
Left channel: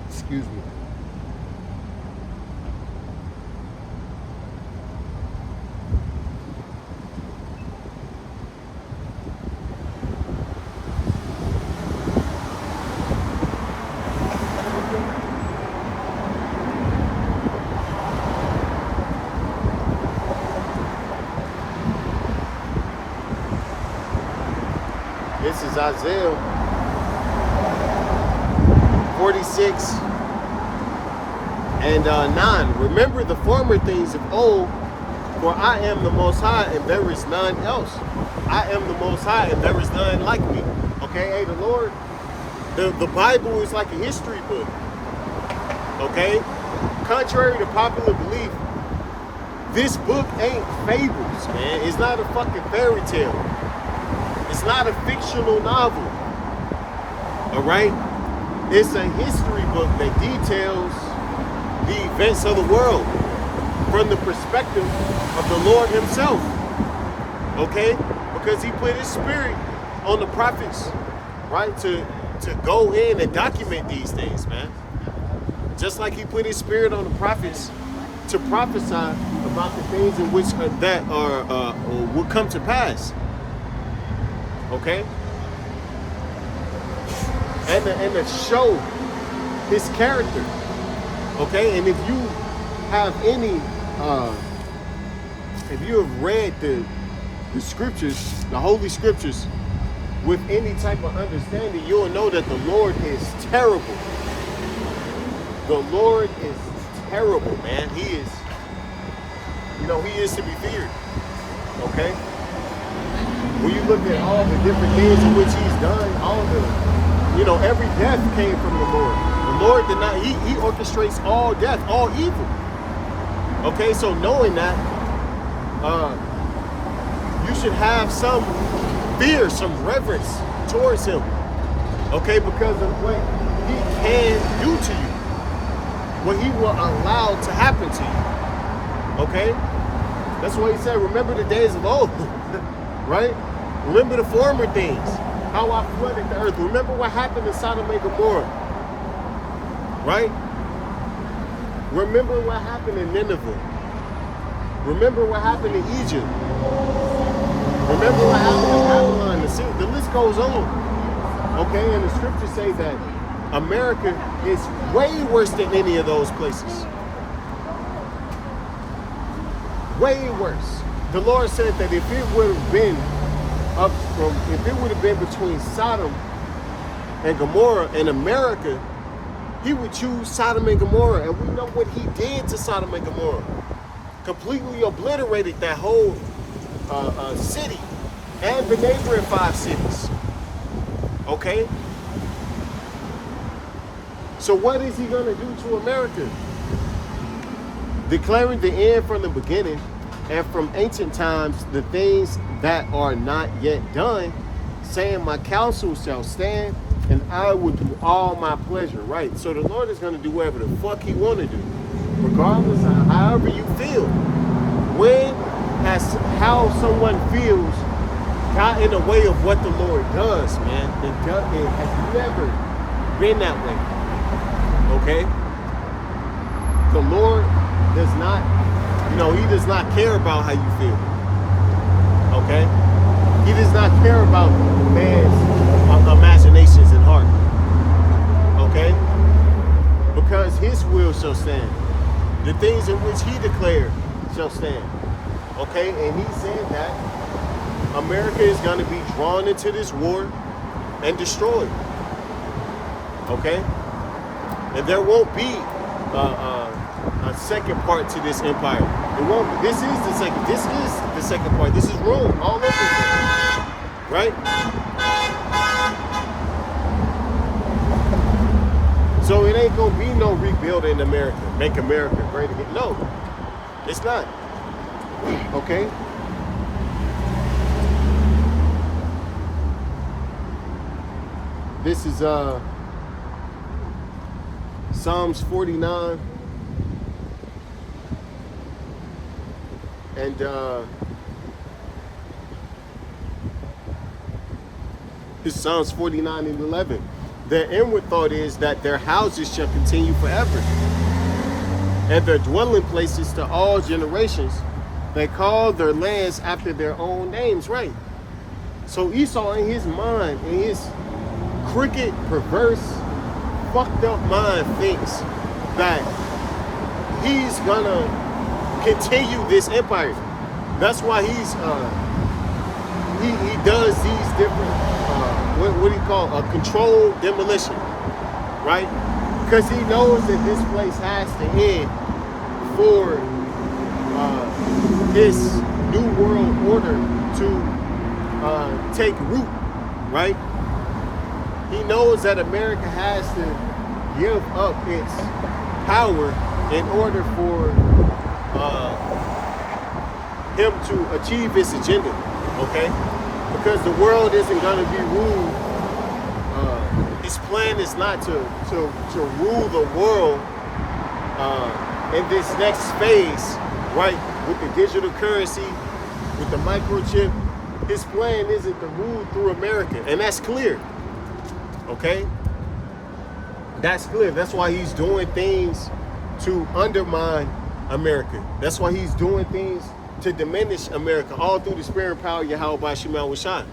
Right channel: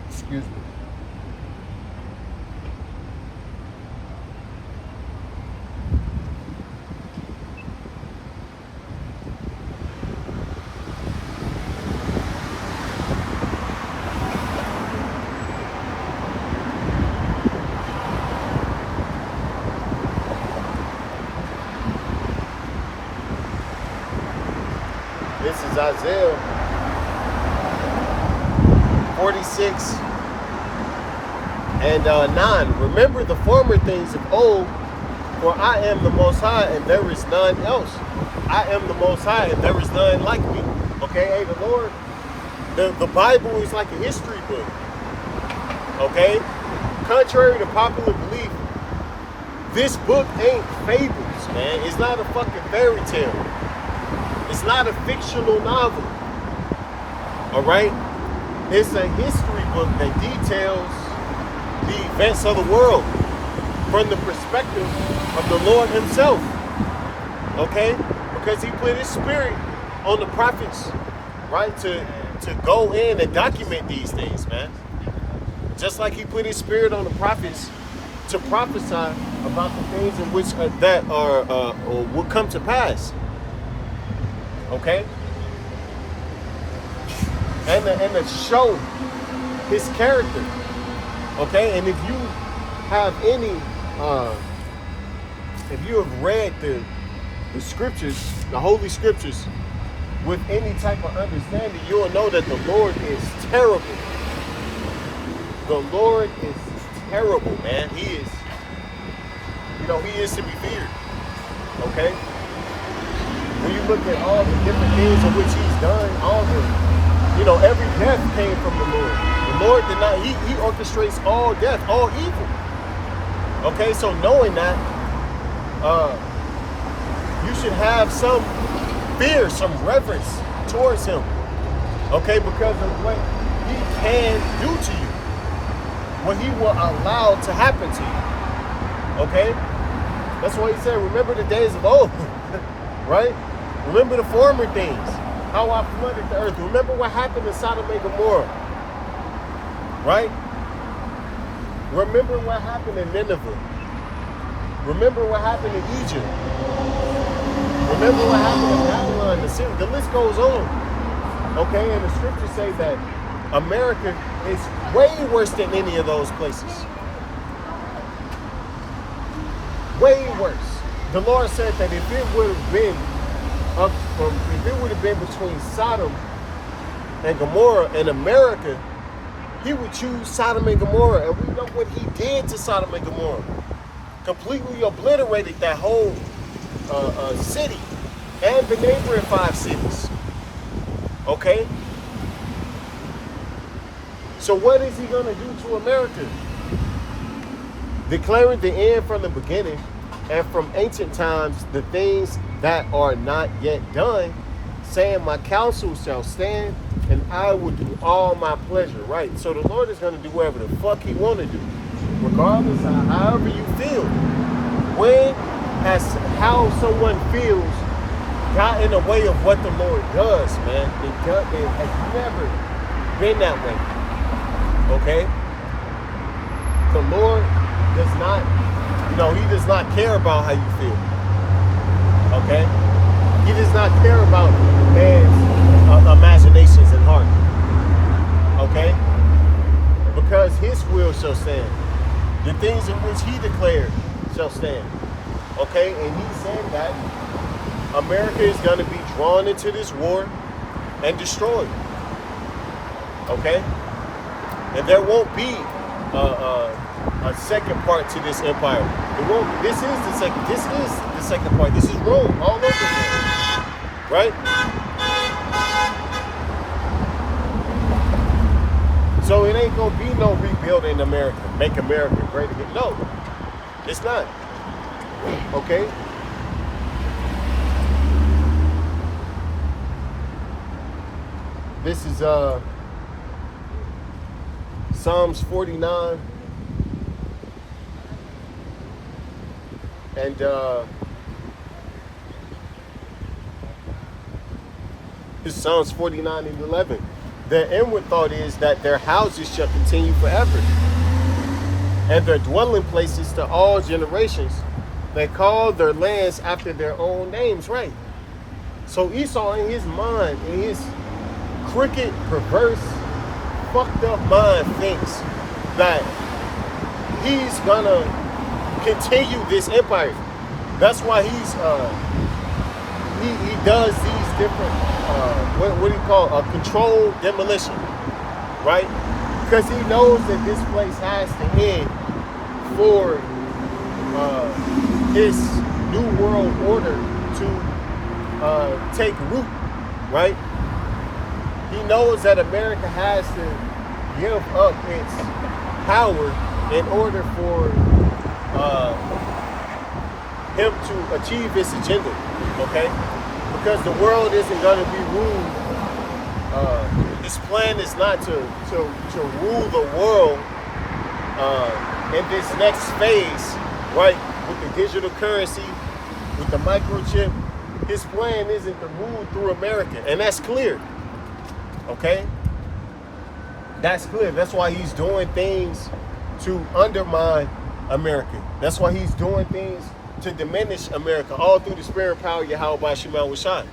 excuse me. This is Isaiah 46 and 9. Remember the former things of old, for I am the Most High and there is none else. I am the Most High and there is none like me. Okay, hey, the Lord, the Bible is like a history book. Okay? Contrary to popular belief, this book ain't fables, man. It's not a fucking fairy tale. It's not a fictional novel, all right? It's a history book that details the events of the world from the perspective of the Lord himself, okay? Because he put his spirit on the prophets, right, to go in and document these things, man. Just like he put his spirit on the prophets to prophesy about the things in which that are will come to pass. Okay, and to show his character. Okay, and if you have any, if you have read the scriptures, the holy scriptures, with any type of understanding, you'll know that the Lord is terrible. The Lord is terrible, man. He is, you know, he is to be feared. Okay. When you look at all the different things in which he's done, all the, you know, every death came from the Lord. The Lord did not, he orchestrates all death, all evil. Okay, so knowing that, you should have some fear, some reverence towards him. Okay, because of what he can do to you, what he will allow to happen to you. Okay? That's why he said, remember the days of old, right? Remember the former things, how I flooded the earth. Remember what happened in Sodom and Gomorrah, right? Remember what happened in Nineveh. Remember what happened in Egypt. Remember what happened in Babylon, the list goes on. Okay, and the scriptures say that America is way worse than any of those places. Way worse. The Lord said that if it would have been between Sodom and Gomorrah and America, he would choose Sodom and Gomorrah. And we know what he did to Sodom and Gomorrah. Completely obliterated that whole city and the neighboring 5 cities. Okay? So what is he going to do to America? Declaring the end from the beginning, and from ancient times the things that are not yet done, saying my counsel shall stand, and I will do all my pleasure. Right? So the Lord is going to do whatever the fuck he want to do, regardless of however you feel. When has how someone feels got in the way of what the Lord does, man? It has never been that way. Okay? The Lord does not He does not care about how you feel. Okay? He does not care about man's imaginations and heart. Okay? Because his will shall stand. The things in which he declared shall stand. Okay? And he said that America is going to be drawn into this war and destroyed. Okay? And there won't be a second part to this empire. It won't be. This is the second. This is the second part. This is Rome all over again. Right? So it ain't gonna be no rebuilding America, make America great again. No, it's not. Okay? This is Psalms 49. And it's Psalms 49 and 11. Their inward thought is that their houses shall continue forever, and their dwelling places to all generations. They call their lands after their own names, right? So Esau, in his mind, in his crooked, perverse, fucked up mind, thinks that he's gonna continue this empire. That's why he's he does these different what do you call controlled demolition, right? Because he knows that this place has to end for his new world order to take root, right? He knows that America has to give up its power in order for him to achieve his agenda, okay? Because the world isn't going to be ruled. His plan is not to rule the world in this next phase, right? With the digital currency, with the microchip. His plan isn't to rule through America, and that's clear, okay? That's clear. That's why he's doing things to undermine America. That's why he's doing things to diminish America, all through the spirit and power of Yahweh by Sherman Oaks. All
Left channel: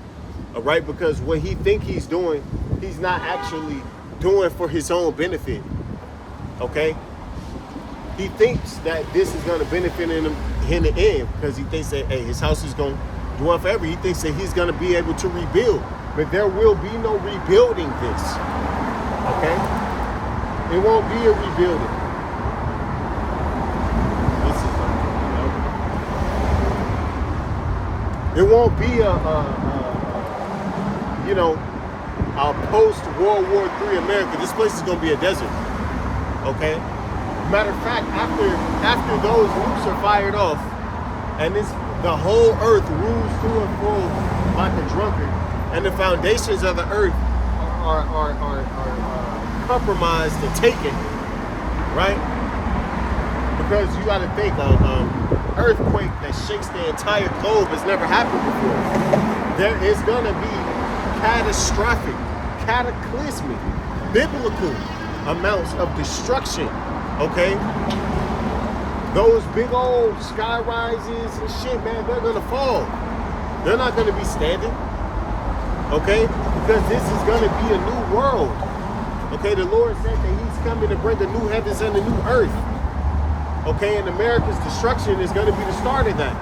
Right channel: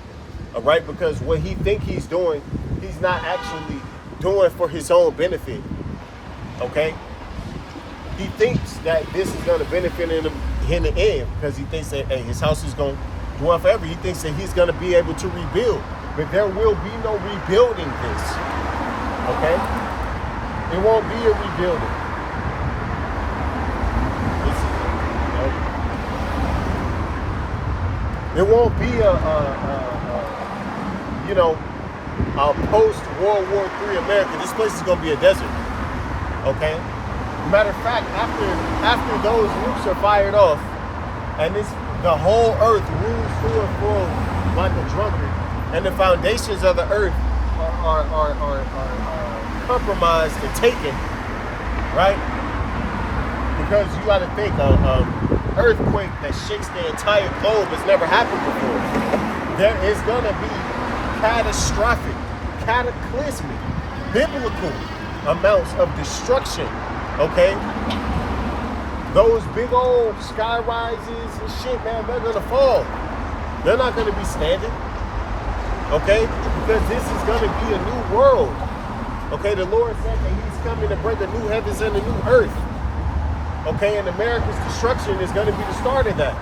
right, because what he think he's doing, he's not actually doing for his own benefit. Okay, he thinks that this is going to benefit him in the end, because he thinks that, hey, his house is going to dwell forever. He thinks that he's going to be able to rebuild, but there will be no rebuilding this. Okay, it won't be a rebuilding. This is it won't be a post-World War III America. This place is going to be a desert. Okay? Matter of fact, after those nukes are fired off, and the whole earth rules to and fro like a drunkard, and the foundations of the earth are compromised and taken, right? Because you got to think, earthquake that shakes the entire globe has never happened before. There is going to be catastrophic, cataclysmic, biblical amounts of destruction, okay? Those big old sky rises and shit, man, they're going to fall. They're not going to be standing, okay? Because this is going to be a new world, okay? The Lord said that he's coming to bring a new heavens and a new earth. Okay, and America's destruction is going to be the start of that.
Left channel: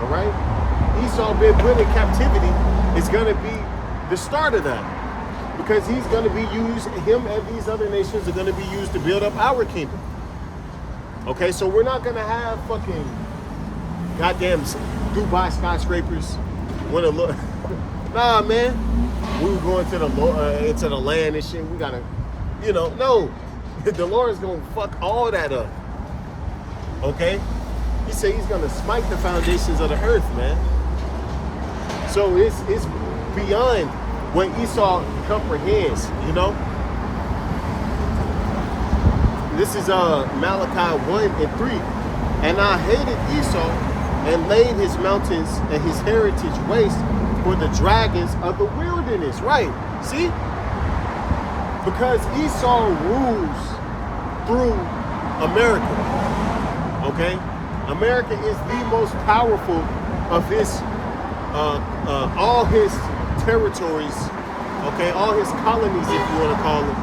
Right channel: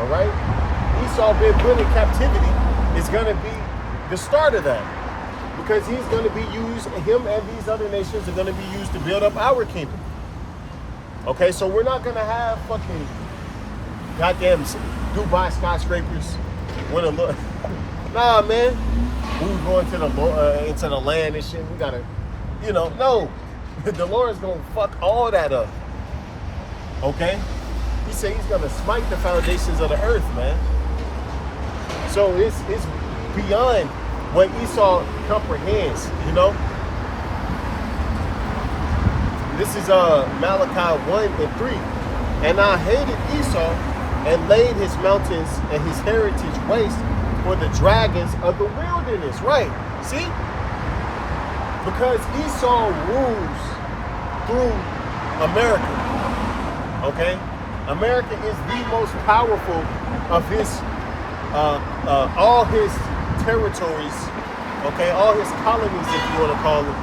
All right? Esau being put in captivity is going to be the start of that. Because he's going to be used, him and these other nations are going to be used to build up our kingdom. Okay, so we're not going to have fucking goddamn Dubai skyscrapers. Nah, man. We were going to into the land and shit. We got to, no. The Lord is going to fuck all that up. Okay? He said he's going to smite the foundations of the earth, man. So it's beyond what Esau comprehends, This is Malachi 1 and 3. And I hated Esau and laid his mountains and his heritage waste for the dragons of the wilderness. Right? See? Because Esau rules through America, okay? America is the most powerful of his, all his territories, okay, all his colonies, if you want to call them.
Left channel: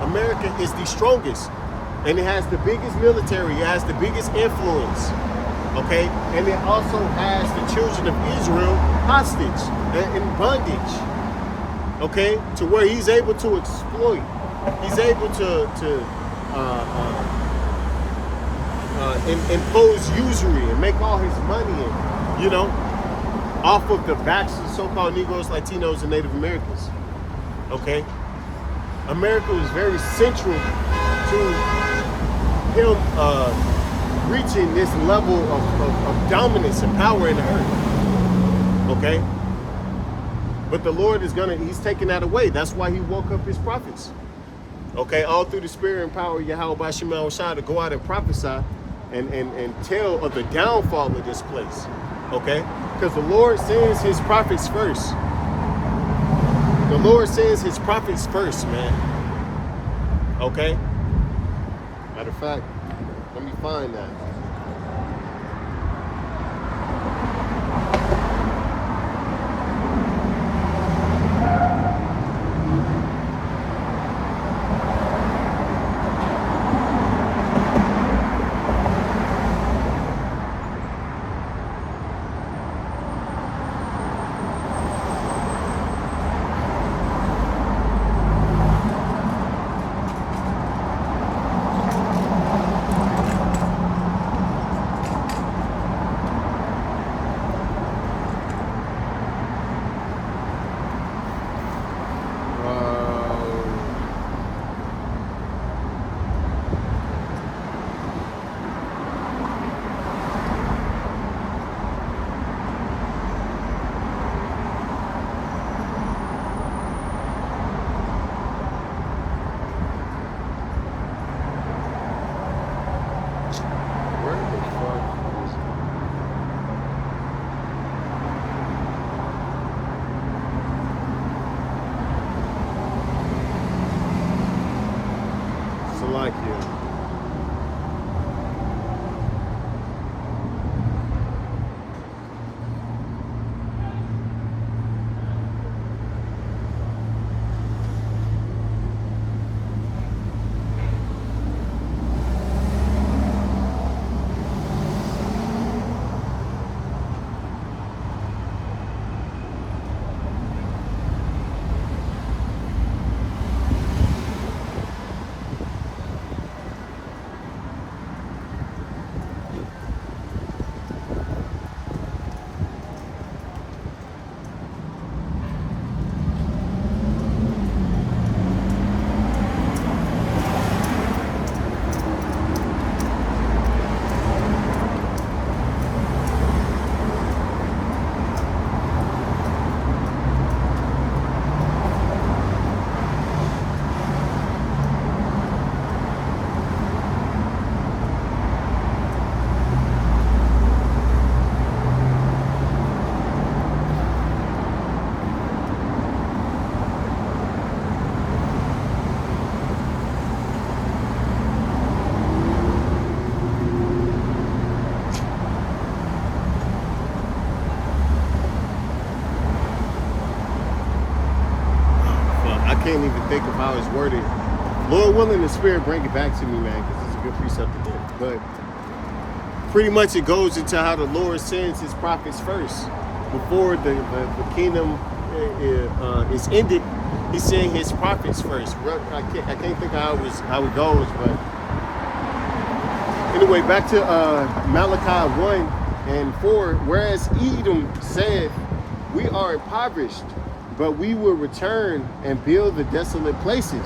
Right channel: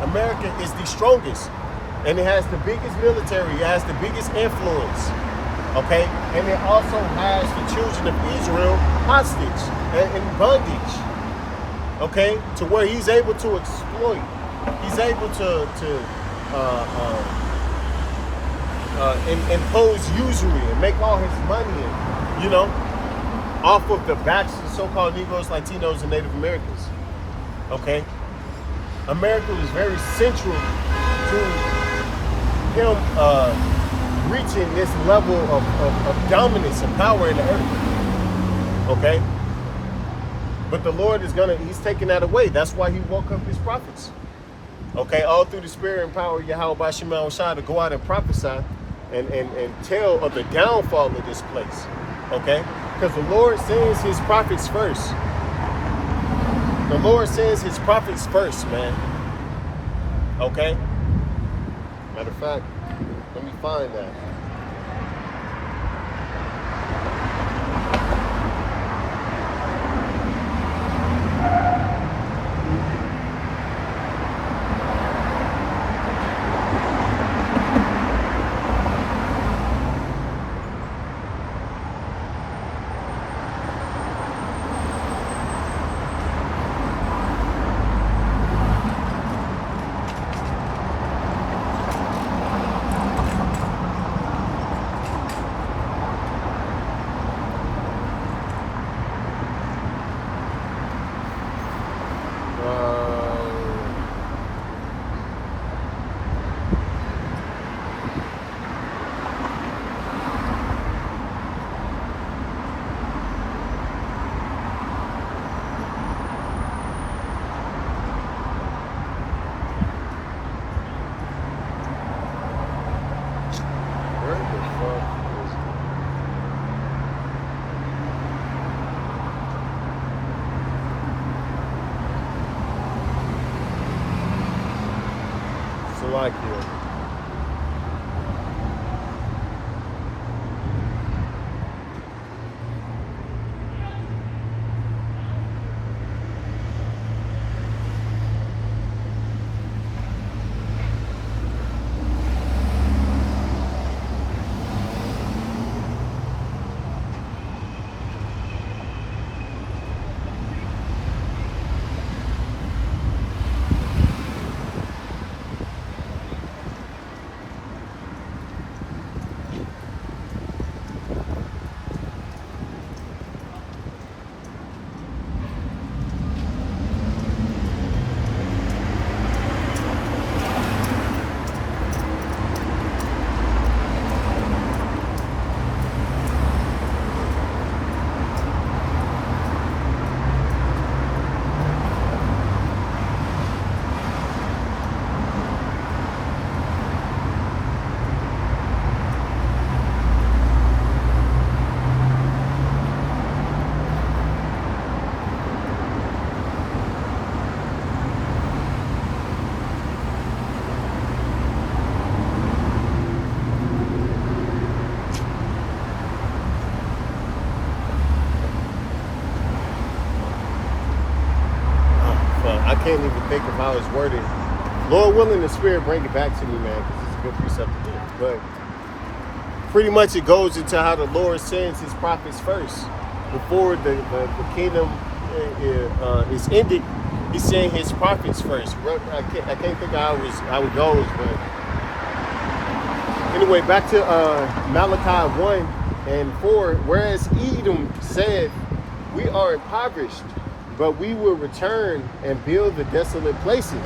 America is the strongest, and it has the biggest military. It has the biggest influence, okay, and it also has the children of Israel hostage and in bondage, okay, to where he's able to exploit. He's able to impose usury and make all his money, and off of the backs of the so-called Negroes, Latinos, and Native Americans. Okay, America was very central to him reaching this level of dominance and power in the earth. Okay, but the Lord he's taking that away. That's why he woke up his prophets. Okay, all through the spirit and power of Yahweh by Sherman Oaks to go out and prophesy and tell of the downfall of this place. Okay, because the Lord sends his prophets first. The Lord sends his prophets first, man. Okay? Matter of fact, let me find that. Where the fuck is it? Salakia. I can't even think of how it's worded. Lord willing, the Spirit bring it back to me, man, because it's a good precept to give. But pretty much it goes into how the Lord sends his prophets first. Before the kingdom is ended, he's sending his prophets first. I can't think of how it goes, but anyway, back to Malachi 1:4. Whereas Edom said, we are impoverished, but we will return and build the desolate places.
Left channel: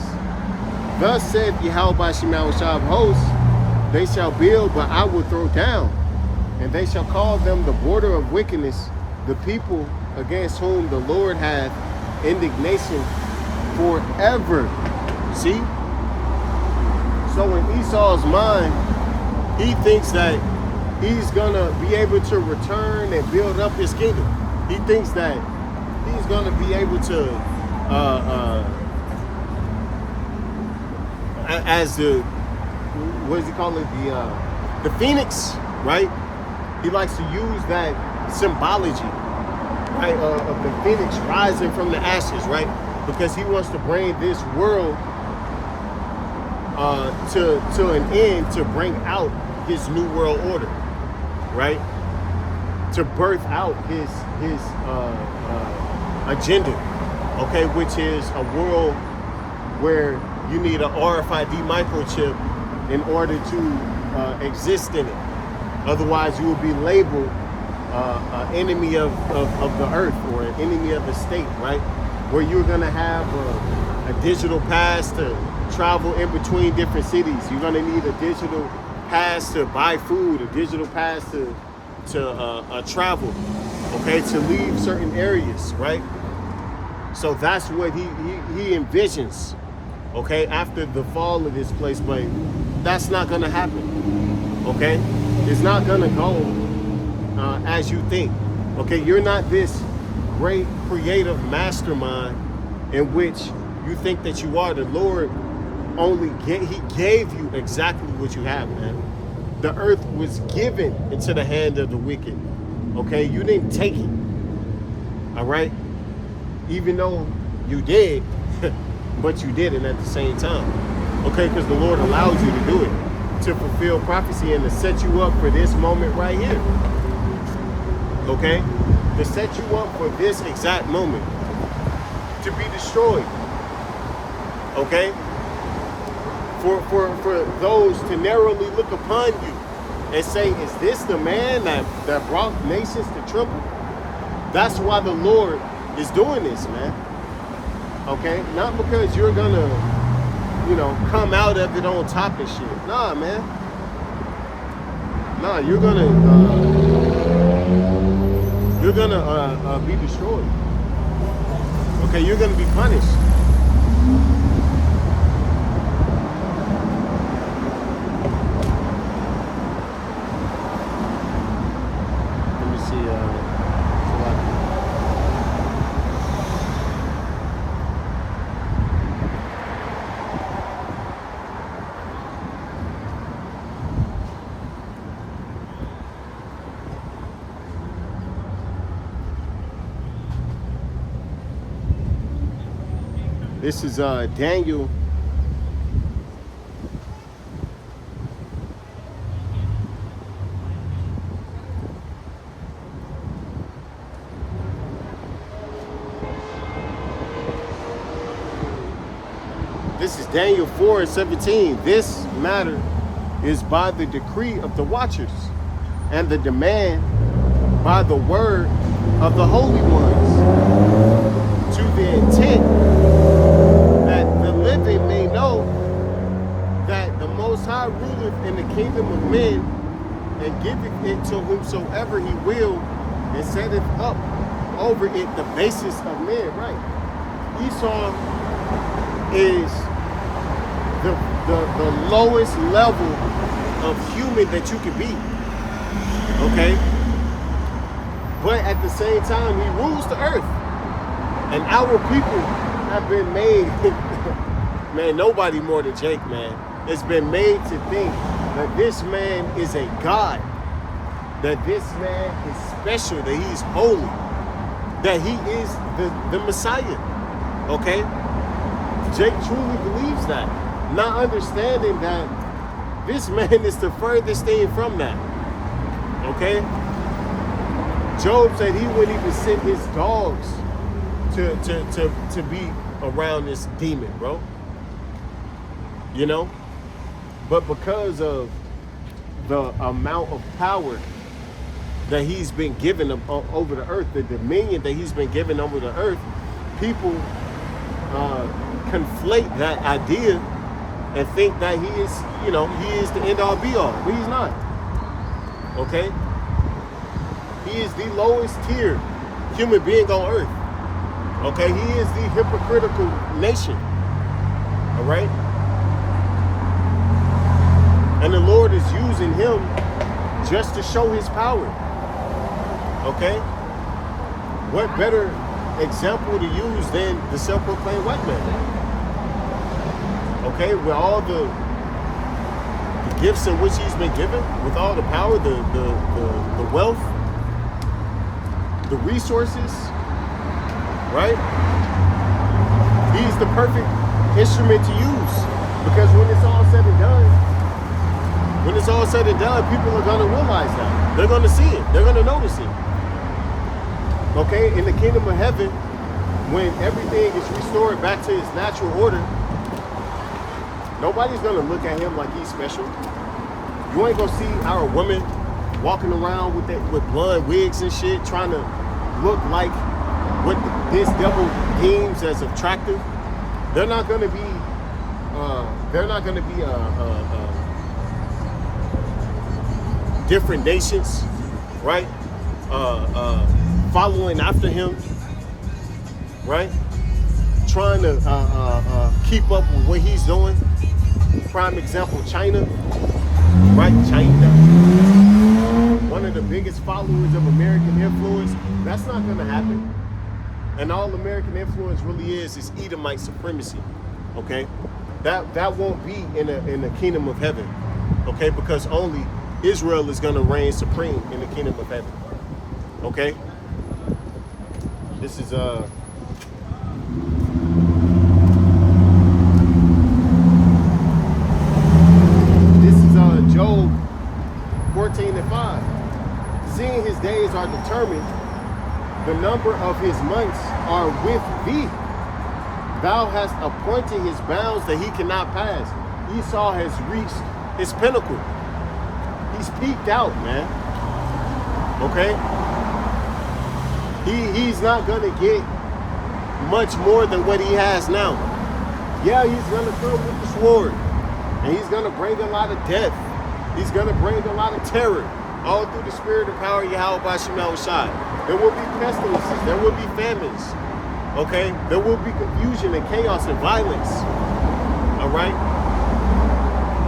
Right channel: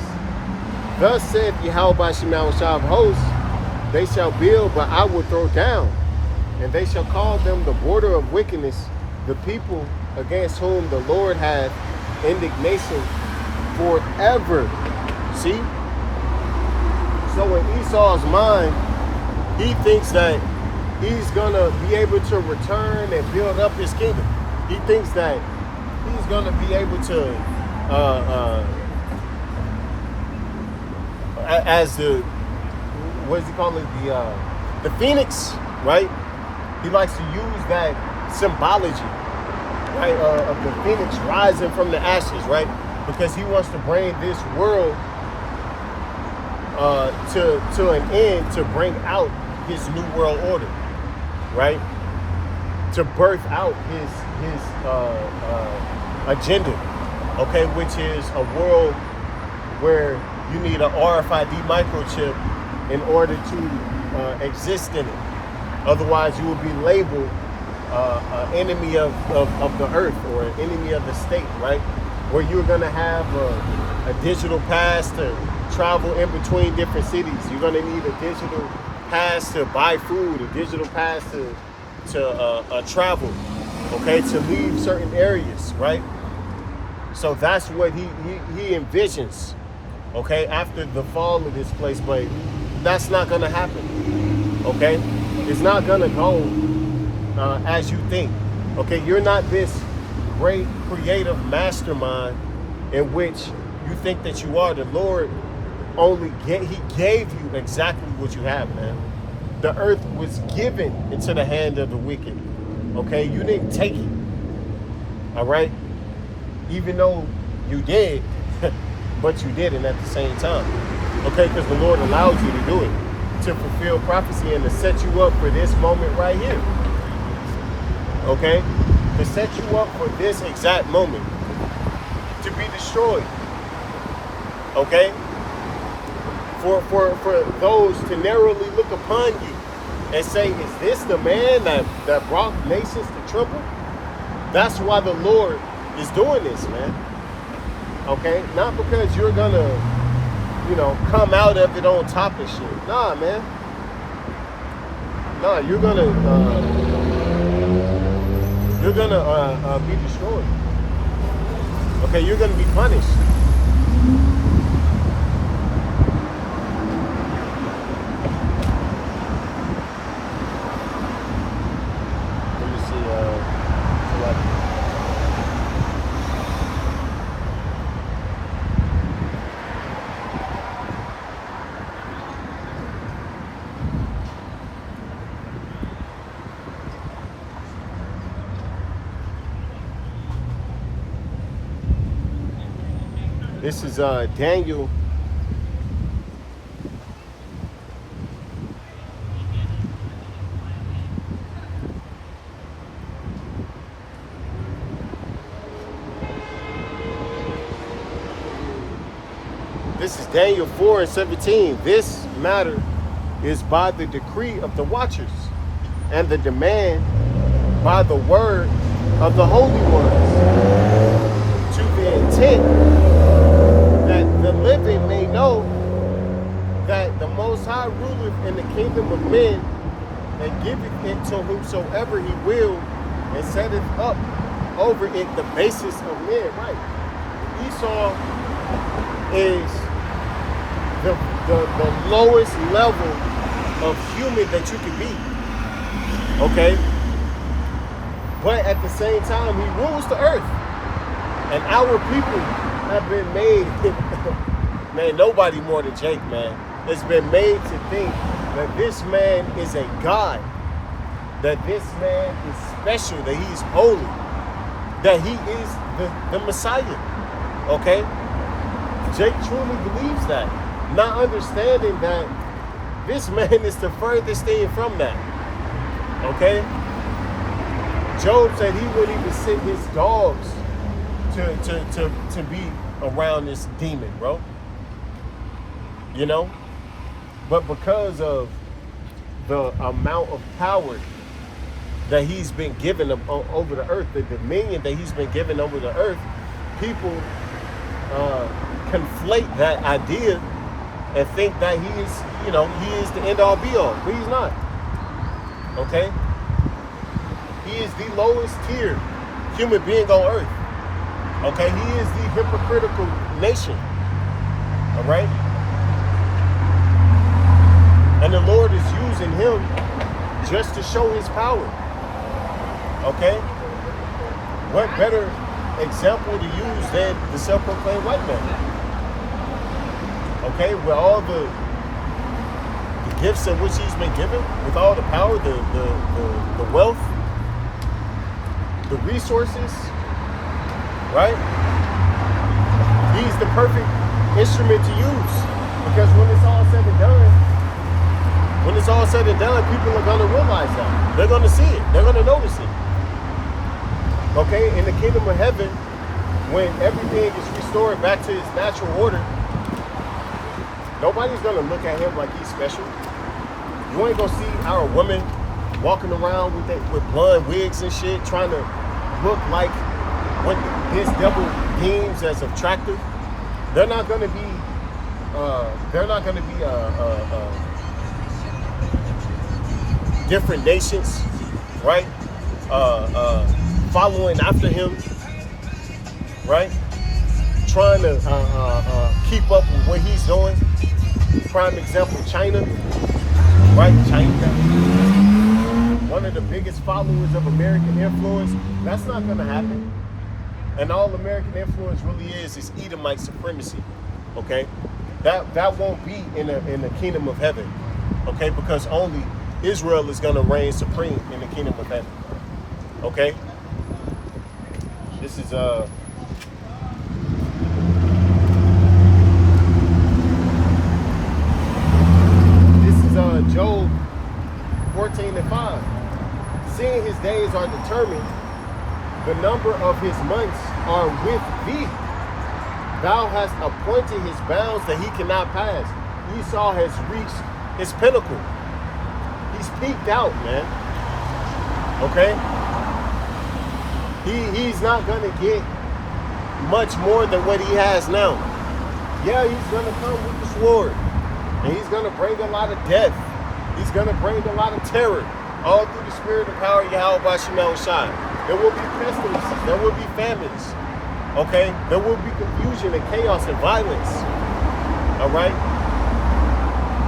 Thus saith Yahweh by Shema of hosts, they shall build, but I will throw down, and they shall call them the border of wickedness, the people against whom the Lord hath indignation forever. See? So in Esau's mind, he thinks that he's gonna be able to return and build up his kingdom. He thinks that he's gonna be able to, as the, what does he call it? The phoenix, right? He likes to use that symbology, right, of the phoenix rising from the ashes, right? Because he wants to bring this world to an end, to bring out his new world order, right? To birth out his agenda, okay, which is a world where you need a RFID microchip in order to exist in it. Otherwise, you will be labeled an enemy of the earth or an enemy of the state, right? Where you're gonna have a digital pass to travel in between different cities. You're gonna need a digital pass to buy food, a digital pass to travel, okay, to leave certain areas, right? So that's what he envisions, okay, after the fall of this place. But that's not gonna happen, okay? It's not gonna go as you think, okay? You're not this great creative mastermind in which you think that you are. The Lord he gave you exactly what you have, man. The earth was given into the hand of the wicked, okay? You didn't take it, all right? Even though you did, but you didn't at the same time, okay? Because the Lord allowed you to do it, to fulfill prophecy and to set you up for this moment right here, okay? To set you up for this exact moment, to be destroyed, okay? For those to narrowly look upon you and say, is this the man that brought nations to tremble? That's why the Lord is doing this, man. Okay? Not because you're gonna, come out of it on top of shit. Nah, man. Nah, you're gonna be destroyed. Okay, you're gonna be punished. This is Daniel. This is Daniel 4:17. This matter is by the decree of the watchers and the demand by the word of the holy ones, to the intent that the living may know that the Most High ruleth in the kingdom of men, and giveth it to whomsoever he will, and setteth up over it the basis of men. Right. Esau is the lowest level of human that you can be. Okay? But at the same time, he rules the earth. And our people have been made, man, nobody more than Jake, man. It's been made to think that this man is a god, that this man is special, that he's holy, that he is the Messiah, okay? Jake truly believes that, not understanding that this man is the furthest thing from that, okay? Job said he wouldn't even send his dogs to be around this demon, bro. You know? But because of the amount of power that he's been given over the earth, the dominion that he's been given over the earth, people conflate that idea and think that he is the end all be all, but he's not. Okay? He is the lowest tier human being on earth. Okay? He is the hypocritical nation. All right? And the Lord is using him just to show his power. Okay? What better example to use than the self-proclaimed white man? Okay? With all the gifts in which he's been given, with all the power, the wealth, the resources, right? He's the perfect instrument to use, because when it's all said and done, people are gonna realize that. They're gonna see it. They're gonna notice it. Okay, in the kingdom of heaven, when everything is restored back to its natural order, nobody's gonna look at him like he's special. You ain't gonna see our women walking around with blonde wigs and shit, trying to look like what this devil deems as attractive. They're not gonna be. Different nations, right? Following after him, right? Trying to keep up with what he's doing. Prime example, China, right? China, one of the biggest followers of American influence. That's not going to happen. And all American influence really is Edomite supremacy. Okay, that won't be in the kingdom of heaven. Okay, because only Israel is going to reign supreme in the kingdom of heaven. Okay, this is Job 14:5. Seeing his days are determined, the number of his months are with thee. Thou hast appointed his bounds that he cannot pass. Esau has reached his pinnacle. He's peaked out, man. Okay? He's not gonna get much more than what he has now. Yeah, he's gonna come with the sword, and he's gonna bring a lot of death. He's gonna bring a lot of terror, all through the spirit and power of Yahweh Bashim Shai. There will be pestilences, there will be famines, okay? There will be confusion and chaos and violence, all right?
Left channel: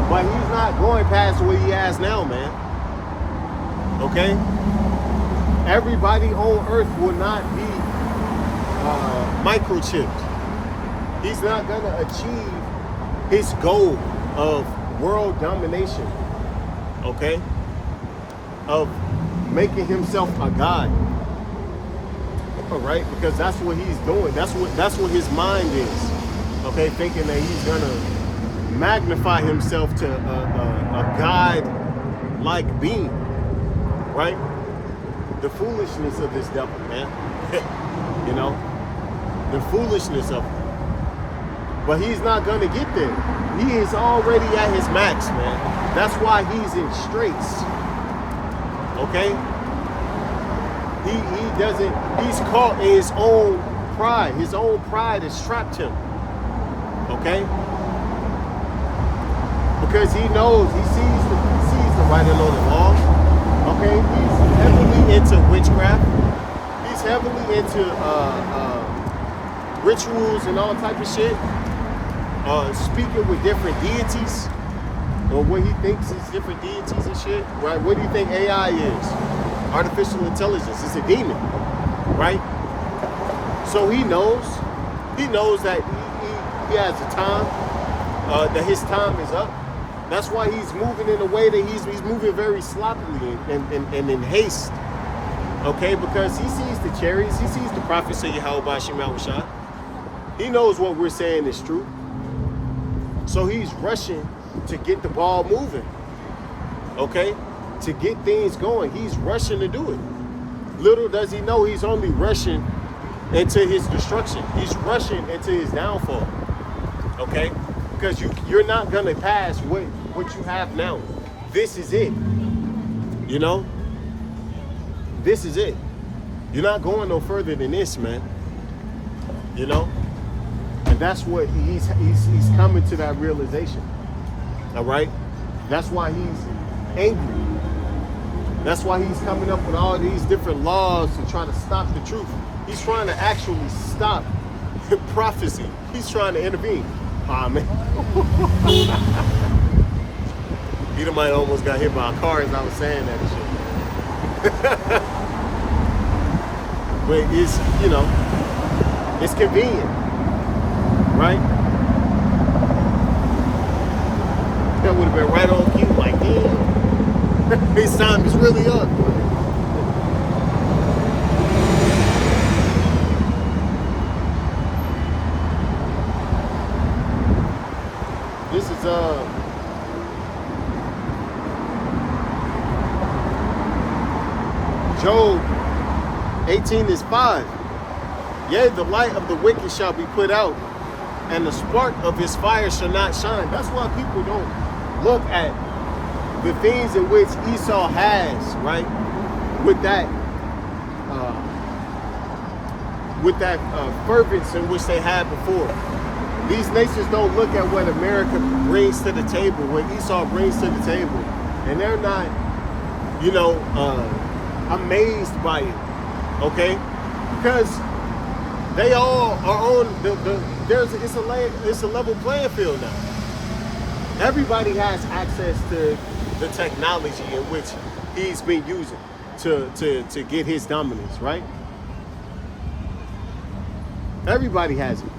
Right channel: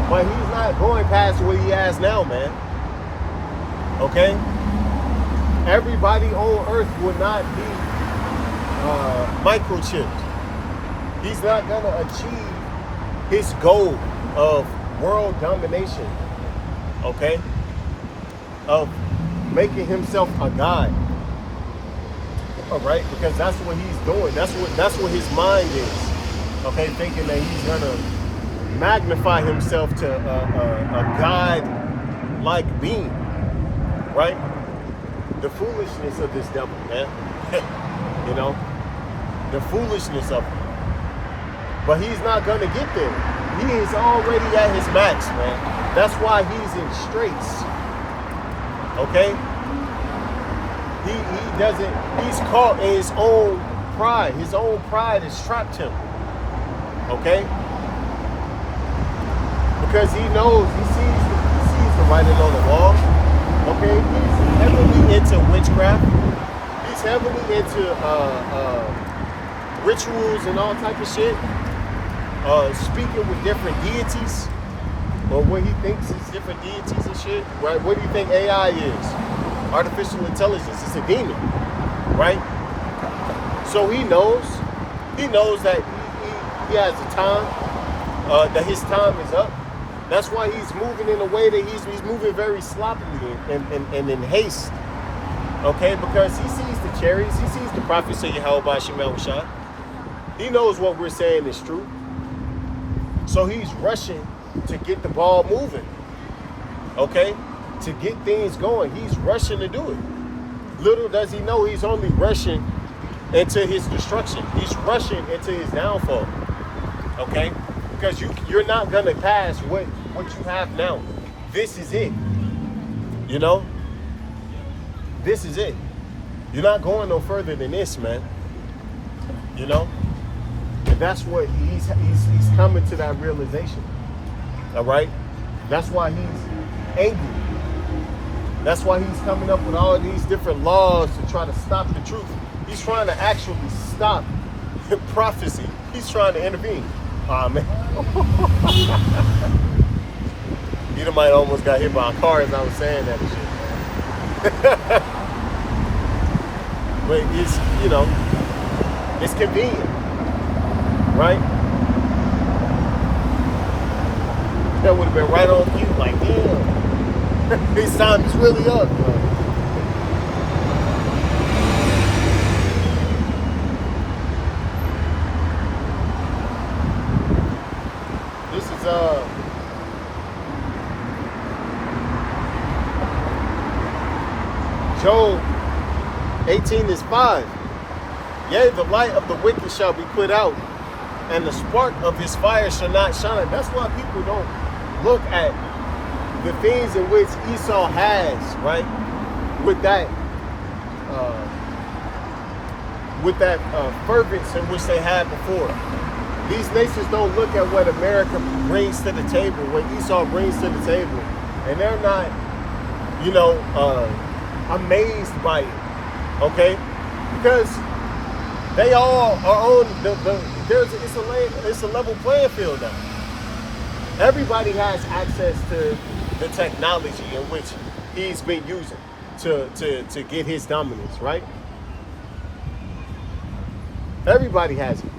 But he's not going past what he has now, man, okay? Everybody on earth will not be microchipped. He's not gonna achieve his goal of world domination, okay? Of making himself a god. All right, because that's what he's doing. That's what his mind is. Okay, thinking that he's gonna magnify himself to a god-like being, right? The foolishness of this devil, man. You know, the foolishness of him. But he's not gonna get there. He is already at his max, man. That's why he's in straits. Okay. He's caught in his own pride. His own pride has trapped him. Okay? Because he knows, he sees the writing on the wall. Okay? He's heavily into witchcraft. He's heavily into rituals and all type of shit. Speaking with different deities, or what he thinks is different deities and shit. Right? What do you think AI is? Artificial intelligence. It's a demon, right? So he knows that he has a time, that his time is up. That's why he's moving in a way that he's moving very sloppily and in haste. Okay, because he sees the cherries, he sees the prophets of Yahweh Bashim Shai. He knows what we're saying is true. So he's rushing to get the ball moving. Okay? To get things going. He's rushing to do it. Little does he know he's only rushing into his destruction. He's rushing into his downfall. Okay? Because you're not gonna pass what you have now. This is it. You know? This is it. You're not going no further than this, man. You know? And that's what he's coming to that realization. All right? That's why he's angry. That's why he's coming up with all these different laws to try to stop the truth. He's trying to actually stop prophecy. He's trying to intervene. Ah, man. Edomite almost got hit by a car as I was saying that and shit, man. But it's, you know, it's convenient, right? That would have been right on cue, like, damn, his time is really up. Like, this is Job 18:5. Yea, the light of the wicked shall be put out, and the spark of his fire shall not shine. That's why people don't look at the things in which Esau has, right? With that fervence in which they had before. These nations don't look at what America brings to the table, what Esau brings to the table, and they're not, amazed by it, okay? Because they all are on it's a level playing field now. Everybody has access to the technology in which he's been using to get his dominance, right? Everybody has it.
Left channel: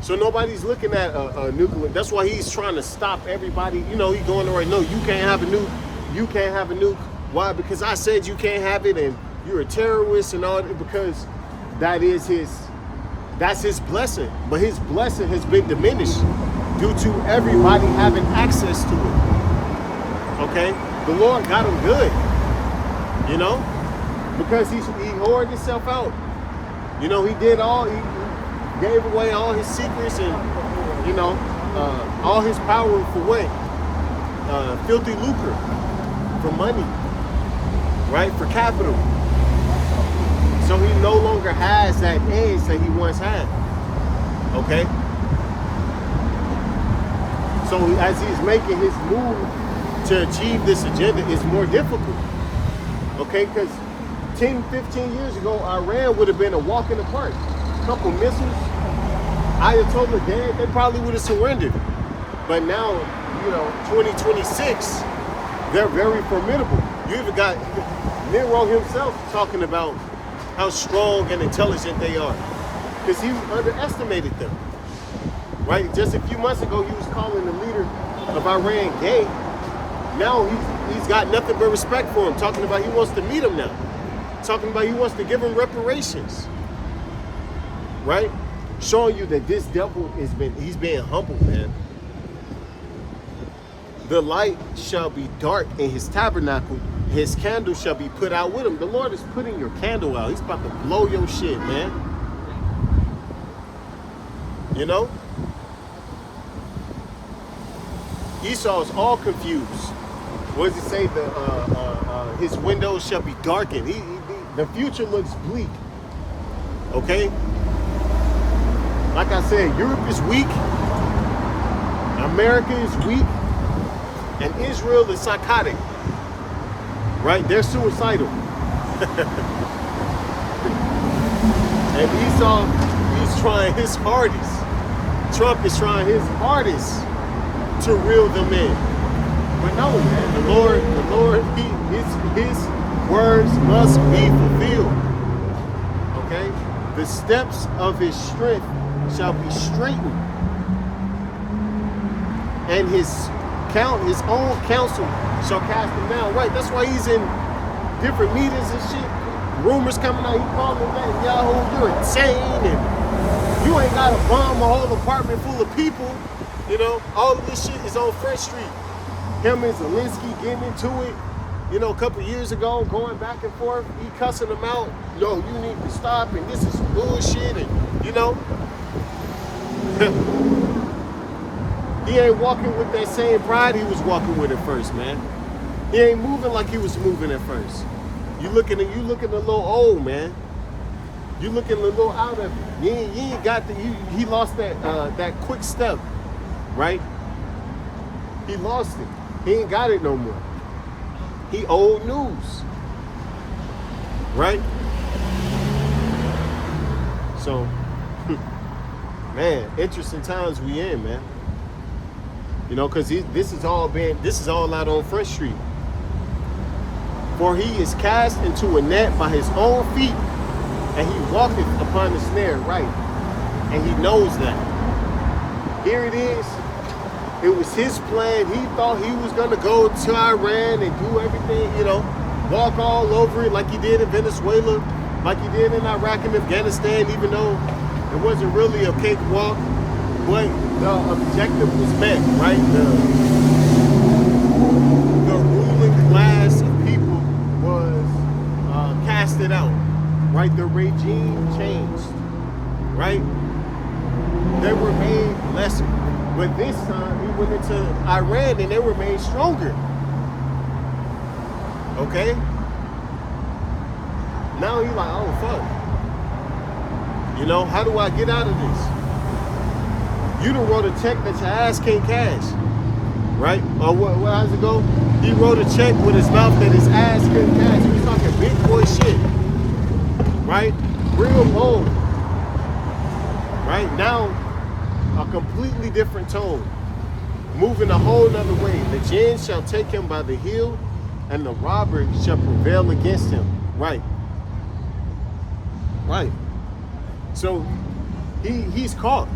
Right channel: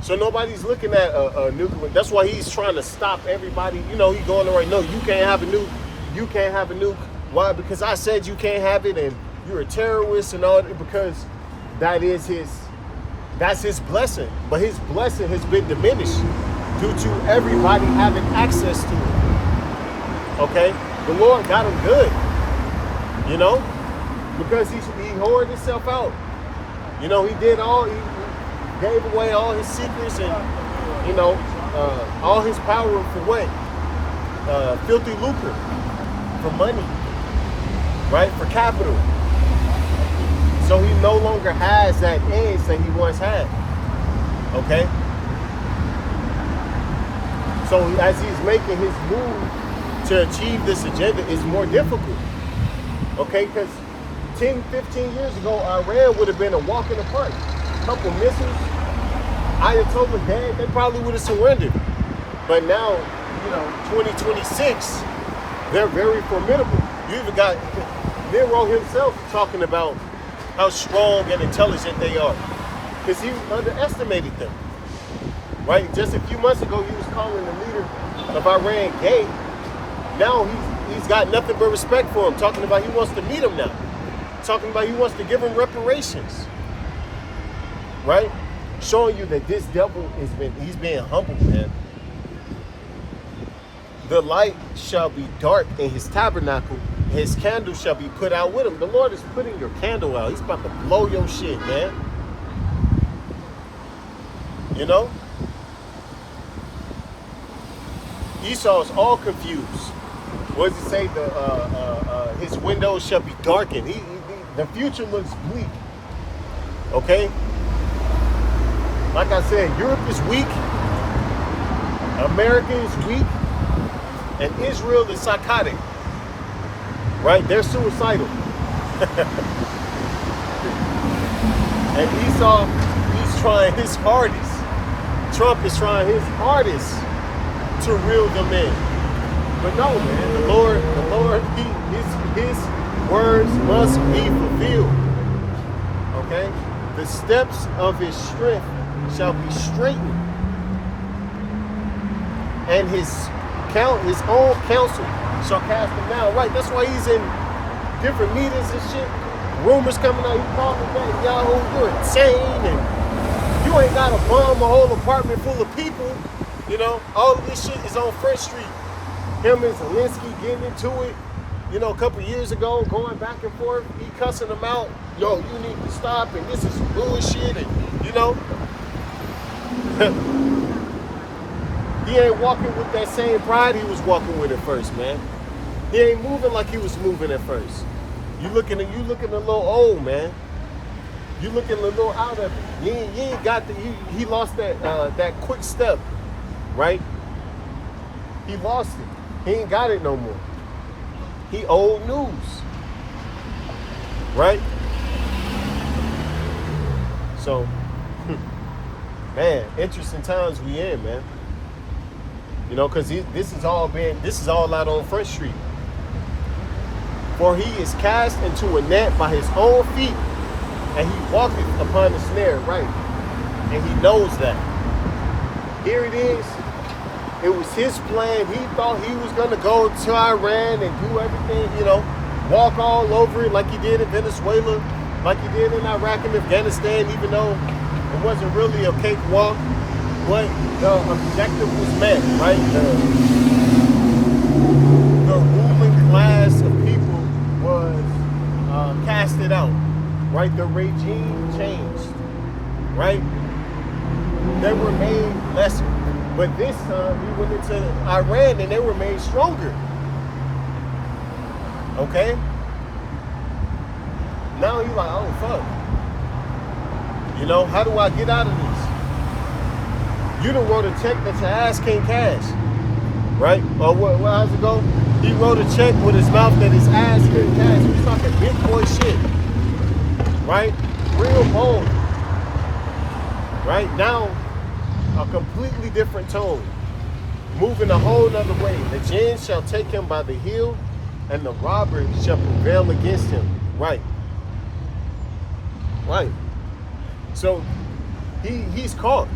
So nobody's looking at a nuclear. That's why he's trying to stop everybody. He going right. No, you can't have a nuke. You can't have a nuke. Why? Because I said you can't have it, and you're a terrorist and all that. Because that's his blessing. But his blessing has been diminished due to everybody having access to it. Okay, the Lord got him good. Because he hoarded himself out. He did he gave away all his secrets and, all his power for what? Filthy lucre, for money, right? For capital. So he no longer has that edge that he once had, okay? So as he's making his move to achieve this agenda, it's more difficult, okay? Because 10, 15 years ago, Iran would have been a walk in the park. Couple missiles, Ayatollah dead, they probably would have surrendered. But now, 2026, they're very formidable. You even got Nero himself talking about how strong and intelligent they are, because he underestimated them, right? Just a few months ago, he was calling the leader of Iran gay. Now he's got nothing but respect for him, talking about he wants to meet him now, talking about he wants to give him reparations. Right? Showing you that this devil he's being humbled, man. The light shall be dark in his tabernacle, his candle shall be put out with him. The Lord is putting your candle out. He's about to blow your shit, man. Esau is all confused. What does he say? His windows shall be darkened. The future looks bleak. Okay? Like I said, Europe is weak, America is weak, and Israel is psychotic, right? They're suicidal. And Esau, he's trying his hardest. Trump is trying his hardest to reel them in. But no, man, the Lord, his words must be fulfilled, okay? The steps of his strength shall be straightened, and his own counsel shall cast him down. Right, that's why he's in different meetings and shit. Rumors coming out, he calling that Yahoo, you're insane, and you ain't got to bomb a whole apartment full of people. All of this shit is on Front Street. Him and Zelensky getting into it, a couple years ago, going back and forth. He cussing them out. No, you need to stop, and this is some bullshit, and he ain't walking with that same pride he was walking with at first, man. He ain't moving like he was moving at first. You looking a little old, man. You looking a little out of it. You ain't got he lost that quick step, right? He lost it. He ain't got it no more. He old news, right? So, man, interesting times we in, man. Because this is all out on Front Street. For he is cast into a net by his own feet, and he walketh upon the snare, right? And he knows that. Here it is. It was his plan. He thought he was going to go to Iran and do everything, walk all over it like he did in Venezuela, like he did in Iraq and Afghanistan, even though it wasn't really a cakewalk. But the objective was met, right? The ruling class of people was casted out, right? The regime changed, right? They were made lesser. But this time he went into Iran and they were made stronger. Okay? Now he's like, oh fuck. How do I get out of this? You done wrote a check that your ass can't cash. Right? Or how's it go? He wrote a check with his mouth that his ass couldn't cash. He was talking big boy shit. Right? Real bold. Right? Now, a completely different tone. Moving a whole nother way. The jinn shall take him by the heel, and the robber shall prevail against him. Right. Right. So, he's caught.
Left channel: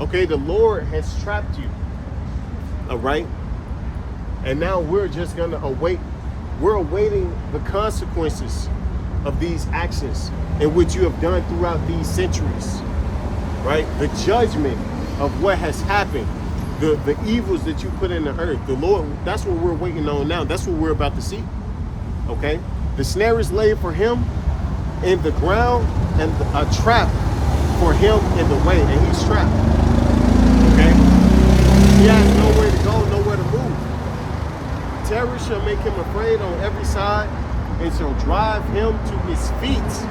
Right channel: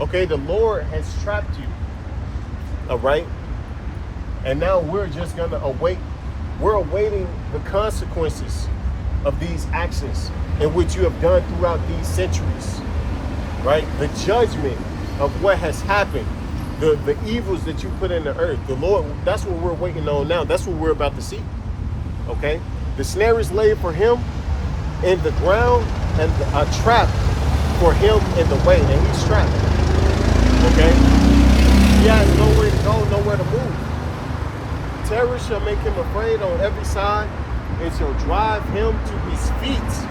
Okay, the Lord has trapped you. All right? And now we're just going to we're awaiting the consequences of these actions in which you have done throughout these centuries. Right? The judgment of what has happened, the evils that you put in the earth. The Lord, that's what we're waiting on now. That's what we're about to see. Okay? The snare is laid for him in the ground, and a trap for him in the way, and he's trapped. Okay? He has nowhere to go, nowhere to move. Terror shall make him afraid on every side, and shall drive him to his feet.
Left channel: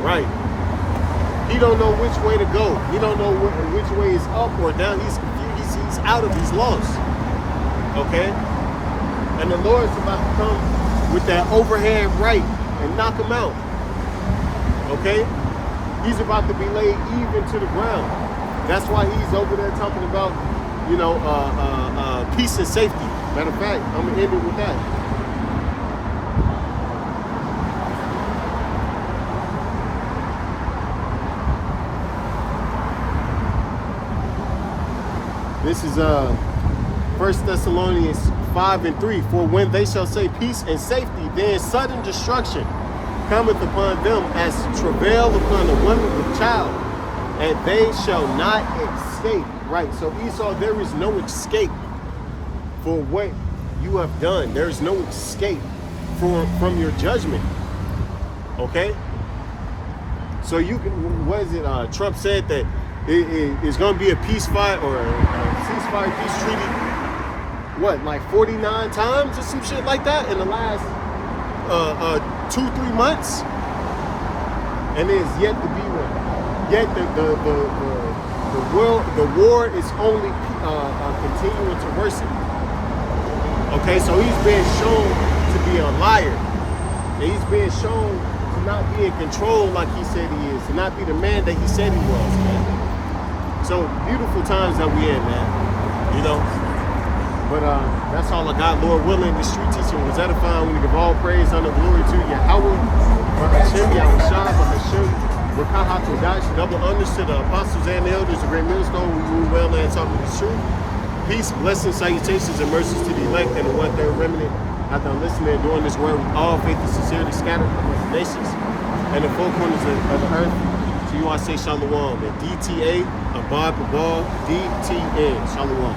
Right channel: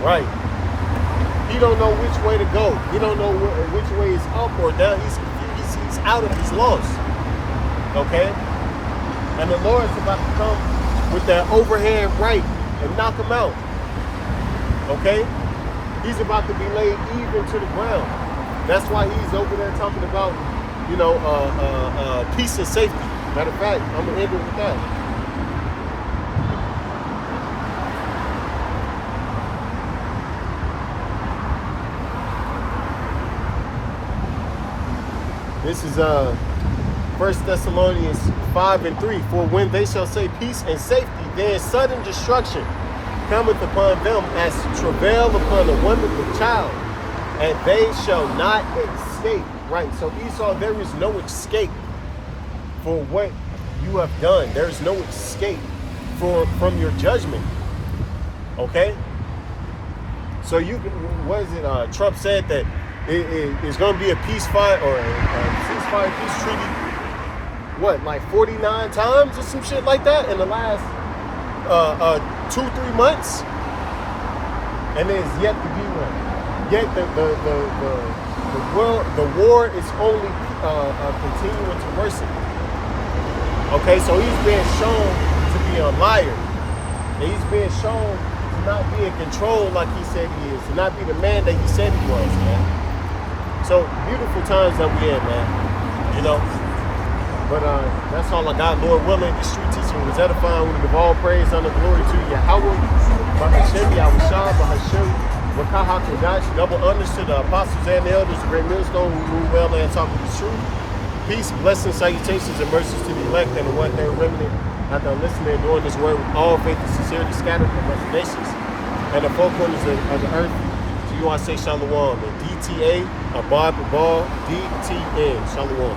Right. He don't know which way to go. He don't know which way is up or down. He's confused. He's out of his lost. Okay? And the Lord's about to come with that overhand right and knock him out. Okay? He's about to be laid even to the ground. That's why he's over there talking about, peace and safety. Matter of fact, I'm going to end it with that. This is 1 Thessalonians 5:3. For when they shall say peace and safety, then sudden destruction cometh upon them as travail upon a woman with child, and they shall not escape. Right. So Esau, there is no escape for what you have done. There is no escape from your judgment. Okay. So you can. What is it? Trump said that it's going to be a ceasefire or a ceasefire peace treaty. What, like 49 times or some shit like that in the last 2-3 months, and there's yet to be one. Yet the war is only continuing to worsen. Okay, so he's being shown to be a liar, and he's being shown to not be in control like he said he is, to not be the man that he said he was, man. So beautiful times that we in, man. But that's all I got. Lord willing, this street teaching was edifying. We want to give all praise, honor, glory to Yahweh, Bahashem, Yahushua, Bahashem, Rakah HaKodash. Double honors to the apostles and the elders, the great millstone who rule well and talk with the truth. Peace, blessings, salutations, and mercies to the elect and the 1/3 remnant after listening and doing this word with all faith and sincerity scattered amongst the nations and the four corners of the earth. To you I say shalom. And DTA, Abad Babal, DTN. Shalom.